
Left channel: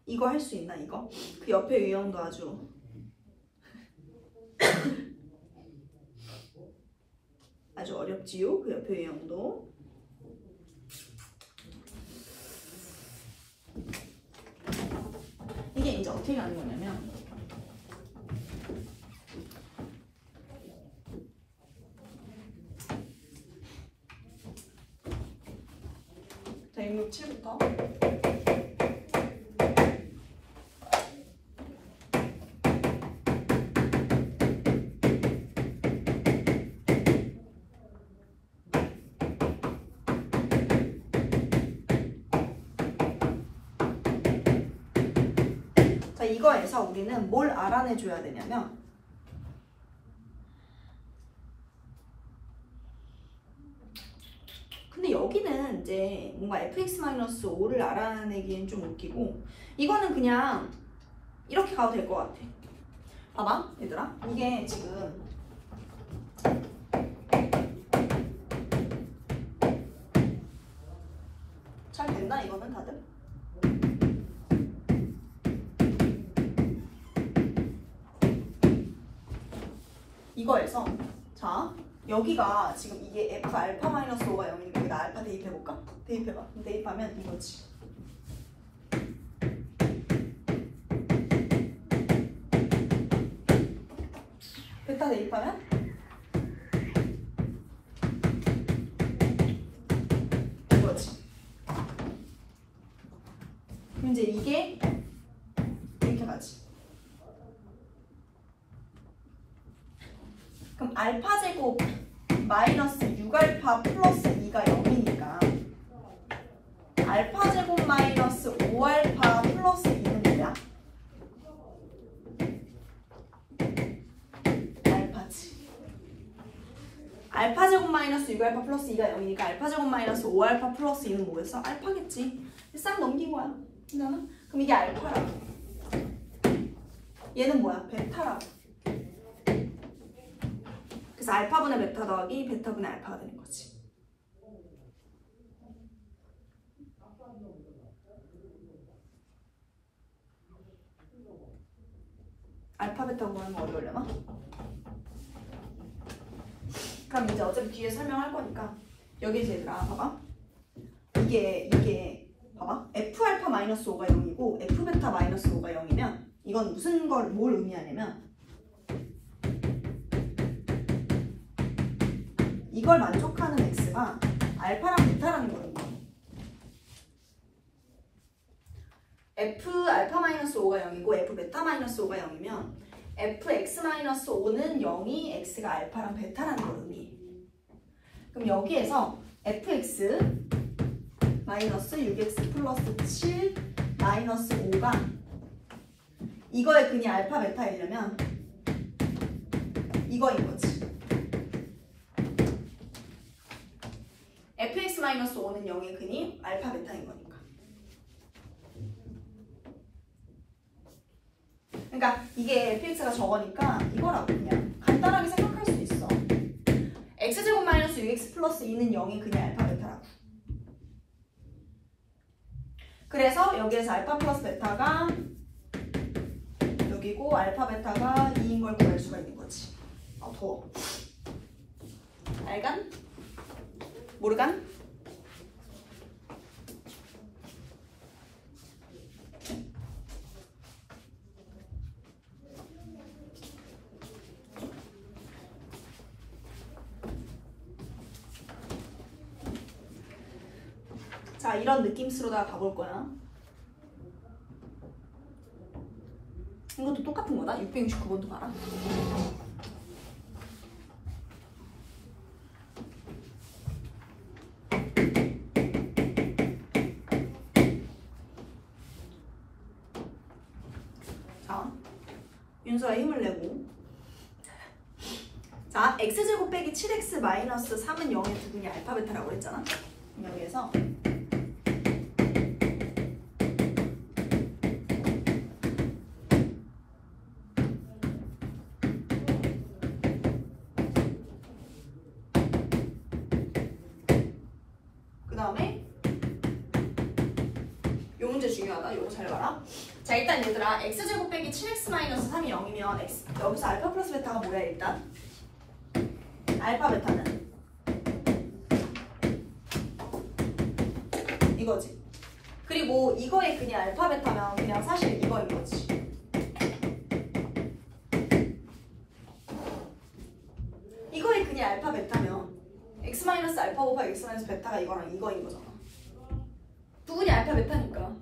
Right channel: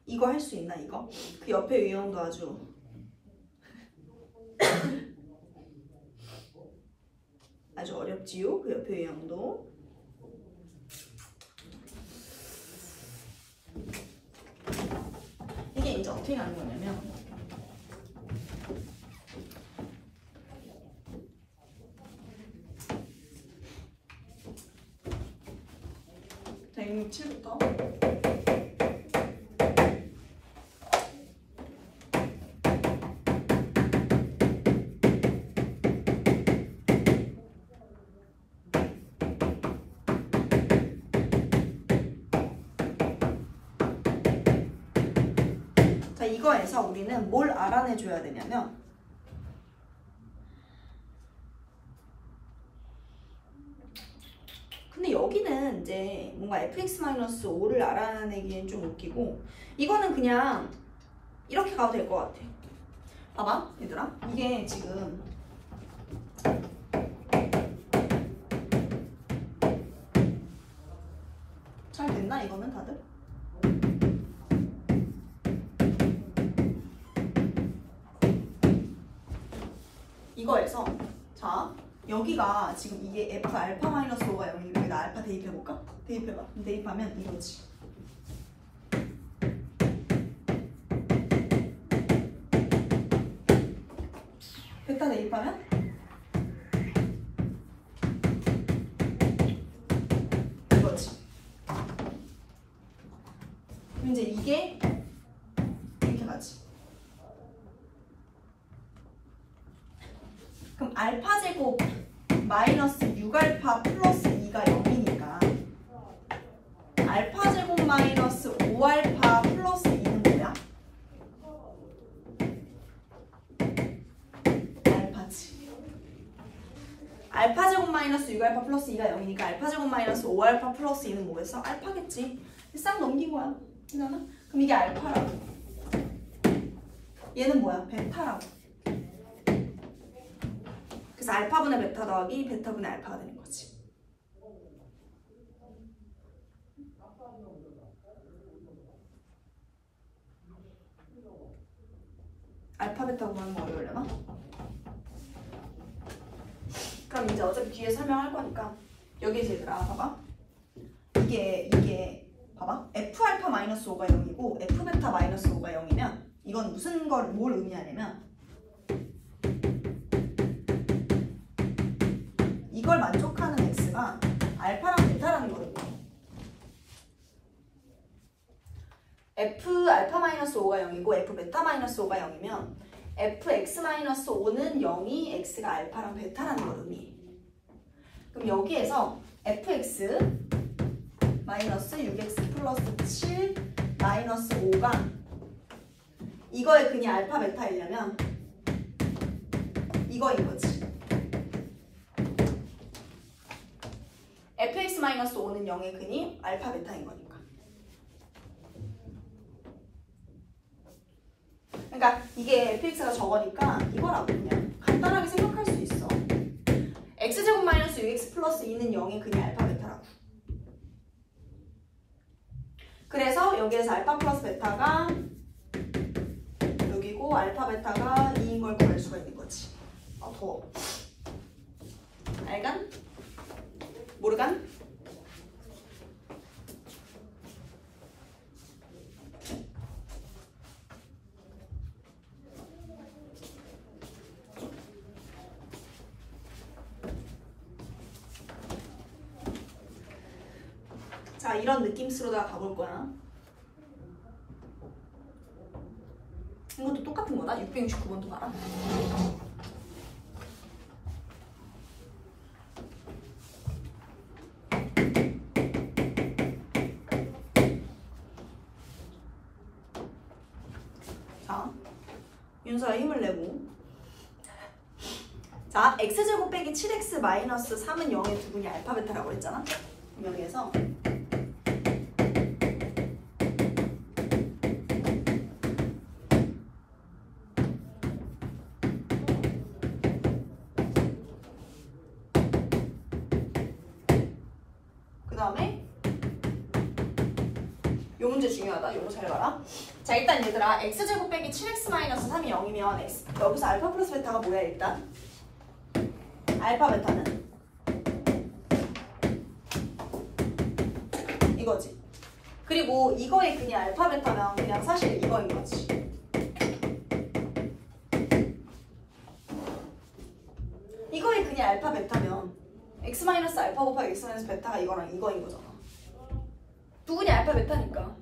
이거 할 수 있나 이거? 그 옆에 유형도 아주 아주 어렵지요? 그 옆에 유형도. 이게 이제 어떻게 가는 거냐면 자, 667부터 이거에서 우리는 뭘 알아내줘야 되냐면 근데 여기는 이제 뭔가 fx-5를 알아내기엔 좀 웃기고 이거는 그냥 이렇게 가도 될 것 같아. 봐봐 얘들아, 이게 지금 잘 됐나 이거는 다들? 이거에서 자 여기가 지금 이게 f 알파 마이너스 5가 0이니까 여기다 알파 대입해볼까? 대입해봐. 대입하면 이거지. 베타 대입하면 이거지. 그럼 이제 이게 이렇게 가지. 그럼 알파 제곱 마이너스 6알파 플러스 2가 0이니까 알파 제곱 마이너스 5알파 플러스 2는 뭐야? 알파지. 알파 제곱 마이너스 6알파 플러스 2가 0이니까 알파 제곱 마이너스 5알파 플러스 2는 뭐겠어? 알파겠지. 싹 넘긴 거야. 그잖아? 그럼 이게 알파라고. 얘는 뭐야? 베타라고. 그래서 알파분의 베타 더하기 베타분의 알파가 되는 거지. 알파 베타 구하는 거 어려우려나? 그럼 이제 어차피 뒤에 설명할 거니까 여기 이제 얘들아 봐봐. 이게 봐봐. f 알파 마이너스 5가 0이고 f 베타 마이너스 5가 0이면 이건 무슨 걸 뭘 의미하냐면 이걸 만족하는 x가 알파랑 베타라는 거거든요. f 알파 마이너스 5가 0이고 f 베타 마이너스 5가 0이면 fx 마이너스 5는 0이 x가 알파랑 베타라는 걸 의미해. 그럼 여기에서 fx 마이너스 6x 플러스 7 마이너스 5가 이거의 근이 알파 베타이려면 이거인 거지. fx-5는 0의 근이 알파 베타인 거니까. 그러니까 이게 fx가 저거니까 이거라고 그냥 간단하게 생각할 수 있어. x제곱 마이너스 6x 플러스 2는 0의 근이 알파 베타라고. 그래서 여기에서 알파 플러스 베타가 여기고 알파 베타가 2인 걸 구할 수가 있는 거지. 아 더워. 알간? 모르간? 자, 이런 느낌으로다가 가볼 거야. 이것도 똑같은 거다. 669번도 봐라. 자, 윤서야 힘을 내고. 자, x제곱 빼기 7x 마이너스 3은 0의 두분이 알파 베타라고 했잖아. 여기에서 그 다음에 요 문제 중요하다. 요거 잘 봐라. 자, 일단 얘들아 x제곱 빼기 7x 마이너스 3이 0이면 x 여기서 알파 플러스 베타가 뭐야 일단? 알파 베타는 이거지. 그리고 이거의 근이 알파 베타면 그냥 사실 이거인 거지. 이거의 근이 알파 베타면 x 마이너스 알파 곱하기 x 마이너스 베타가 이거랑 이거인 거잖아. 두 근이 알파 베타니까.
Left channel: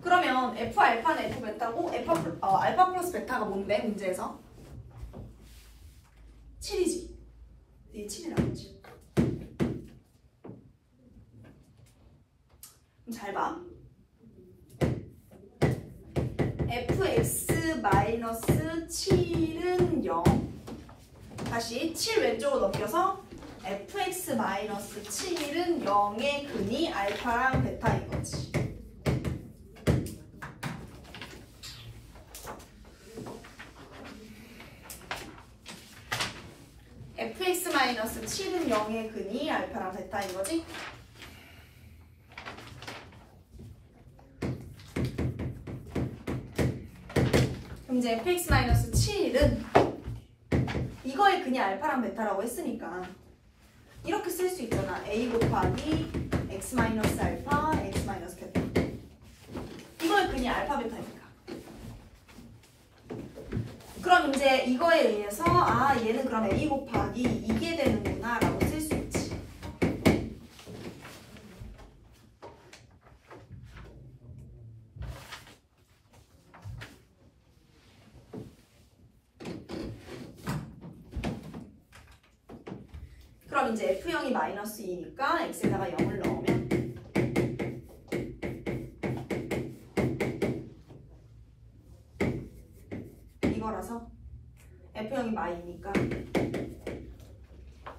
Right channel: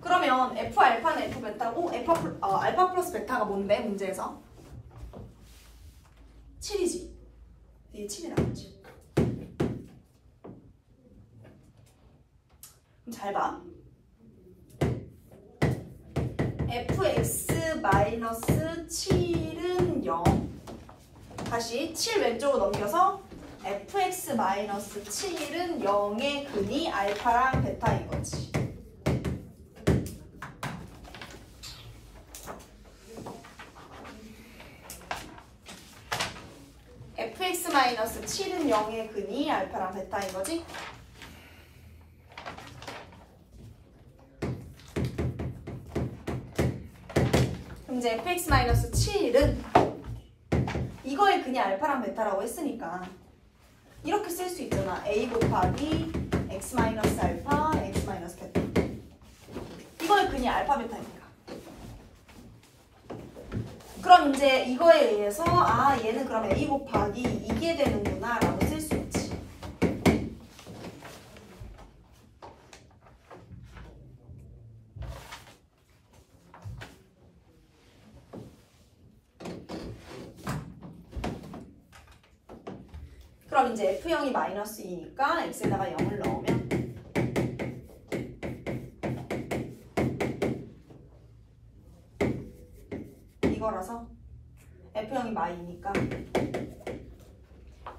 그러면 f 알파는 f 베타고 알파 플러스 베타가 뭔데 문제에서? 7이지. 이게 7이라는 거지. 잘 봐. fx-7은 0. 다시 7 왼쪽으로 넘겨서 fx-7은 0의 근이 알파랑 베타인 거지. fx-7은 0의 근이 알파랑 베타인 거지. 그럼 이제 fx-7은 이거의 근이 알파랑 베타라고 했으니까 이렇게 쓸 수 있잖아. a 곱하기 x-알파, x-베타. 이거의 근이 알파 베타니까. 그럼 이제 이거에 의해서 아 얘는 그럼 a 곱하기 이게 되는구나 라고 쓸 수 있지. 그럼 이제 F형이 마이너스 2니까 X에다가 0을 넣으면 이거라서 F형이 마이니까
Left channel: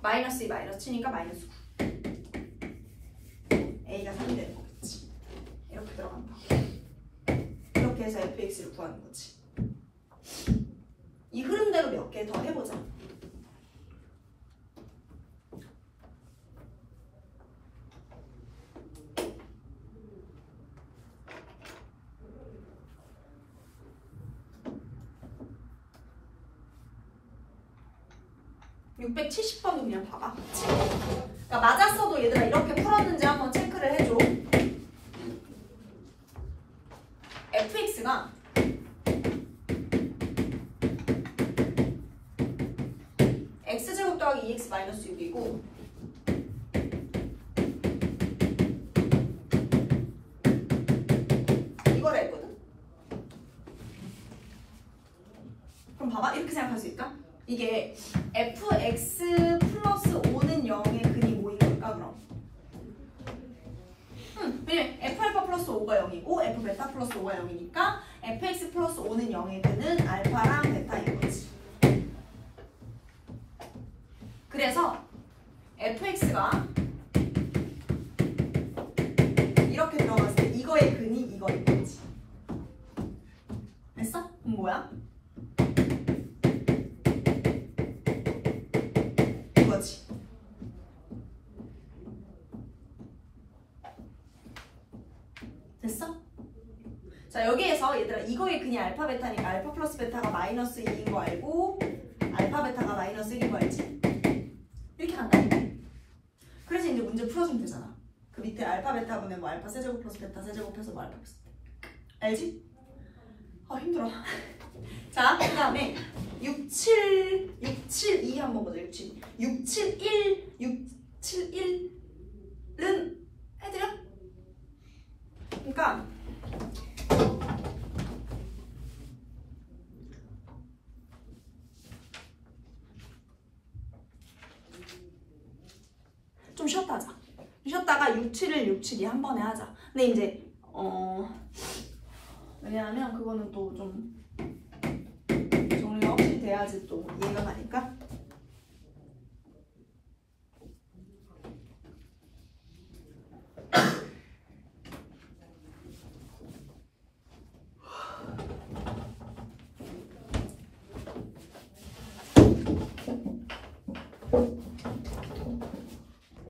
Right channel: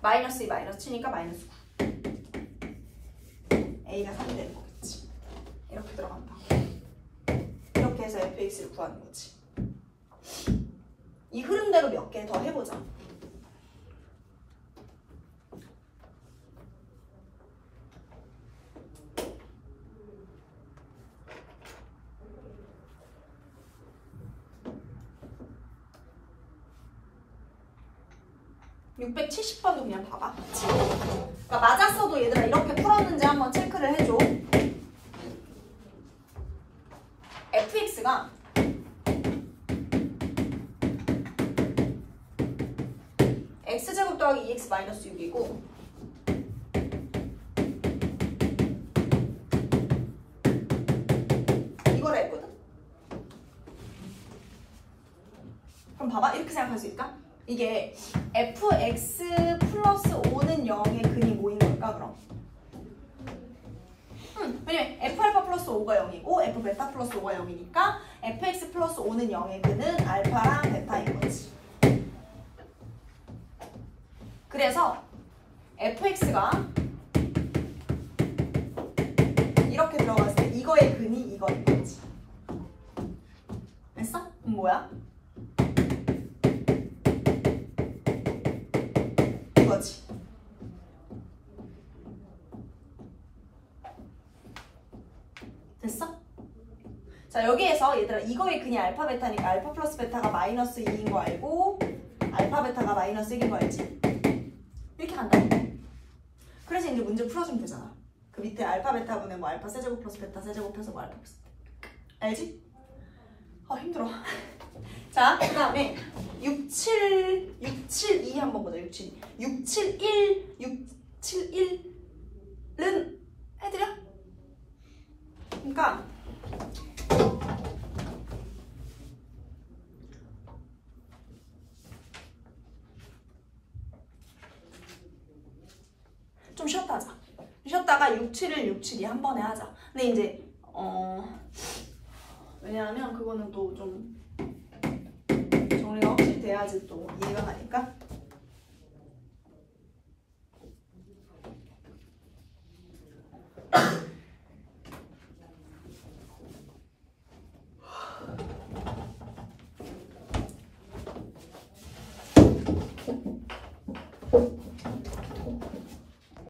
마이너스 2 마이너스 7니까 마이너스 9 A가 3이 되는 거겠지. 이렇게 들어간다. 이렇게 해서 fx를 구하는 거지. 이 흐름대로 몇 개 더 해보자. (670번도) 그냥 봐봐. 그러니까 맞았어도 얘들아 이렇게 풀었는지 한번 체크를 해줘. fx가 x제곱 더하기 2x 마이너스 6이고 이거라 했거든. 그럼 봐봐. 이렇게 생각할 수 있다. 이게 fx 플러스 5는 0의 근이 뭐인 걸까 그럼? 왜냐면 f알파 플러스 5가 0이고 f베타 플러스 5가 0이니까 fx 플러스 5는 0의 근은 알파랑 베타인 거지. 그래서 fx가 뭐야? 이거지. 됐어? 자, 여기에서 얘들아 이거의 그냥 알파 베타니까 알파 플러스 베타가 마이너스 2인 거 알고 알파 베타가 마이너스 1인 거 알지? 이렇게 간다. 그래서 이제 문제 풀어주면 되잖아. 그 밑에 알파 베타분의 뭐 알파 세제곱 플러스 베타 세제곱 해서 뭐 알파 플러스 베타. 알지? 힘들어. 자, 그 다음에 672 한번 보자. 671 671은 해드려? 그러니까 좀 쉬었다 하자. 쉬었다가 671 672 한 번에 하자. 근데 이제 왜냐하면 그거는 또 좀 정리가 확실히 돼야지 또 이해가 가니까.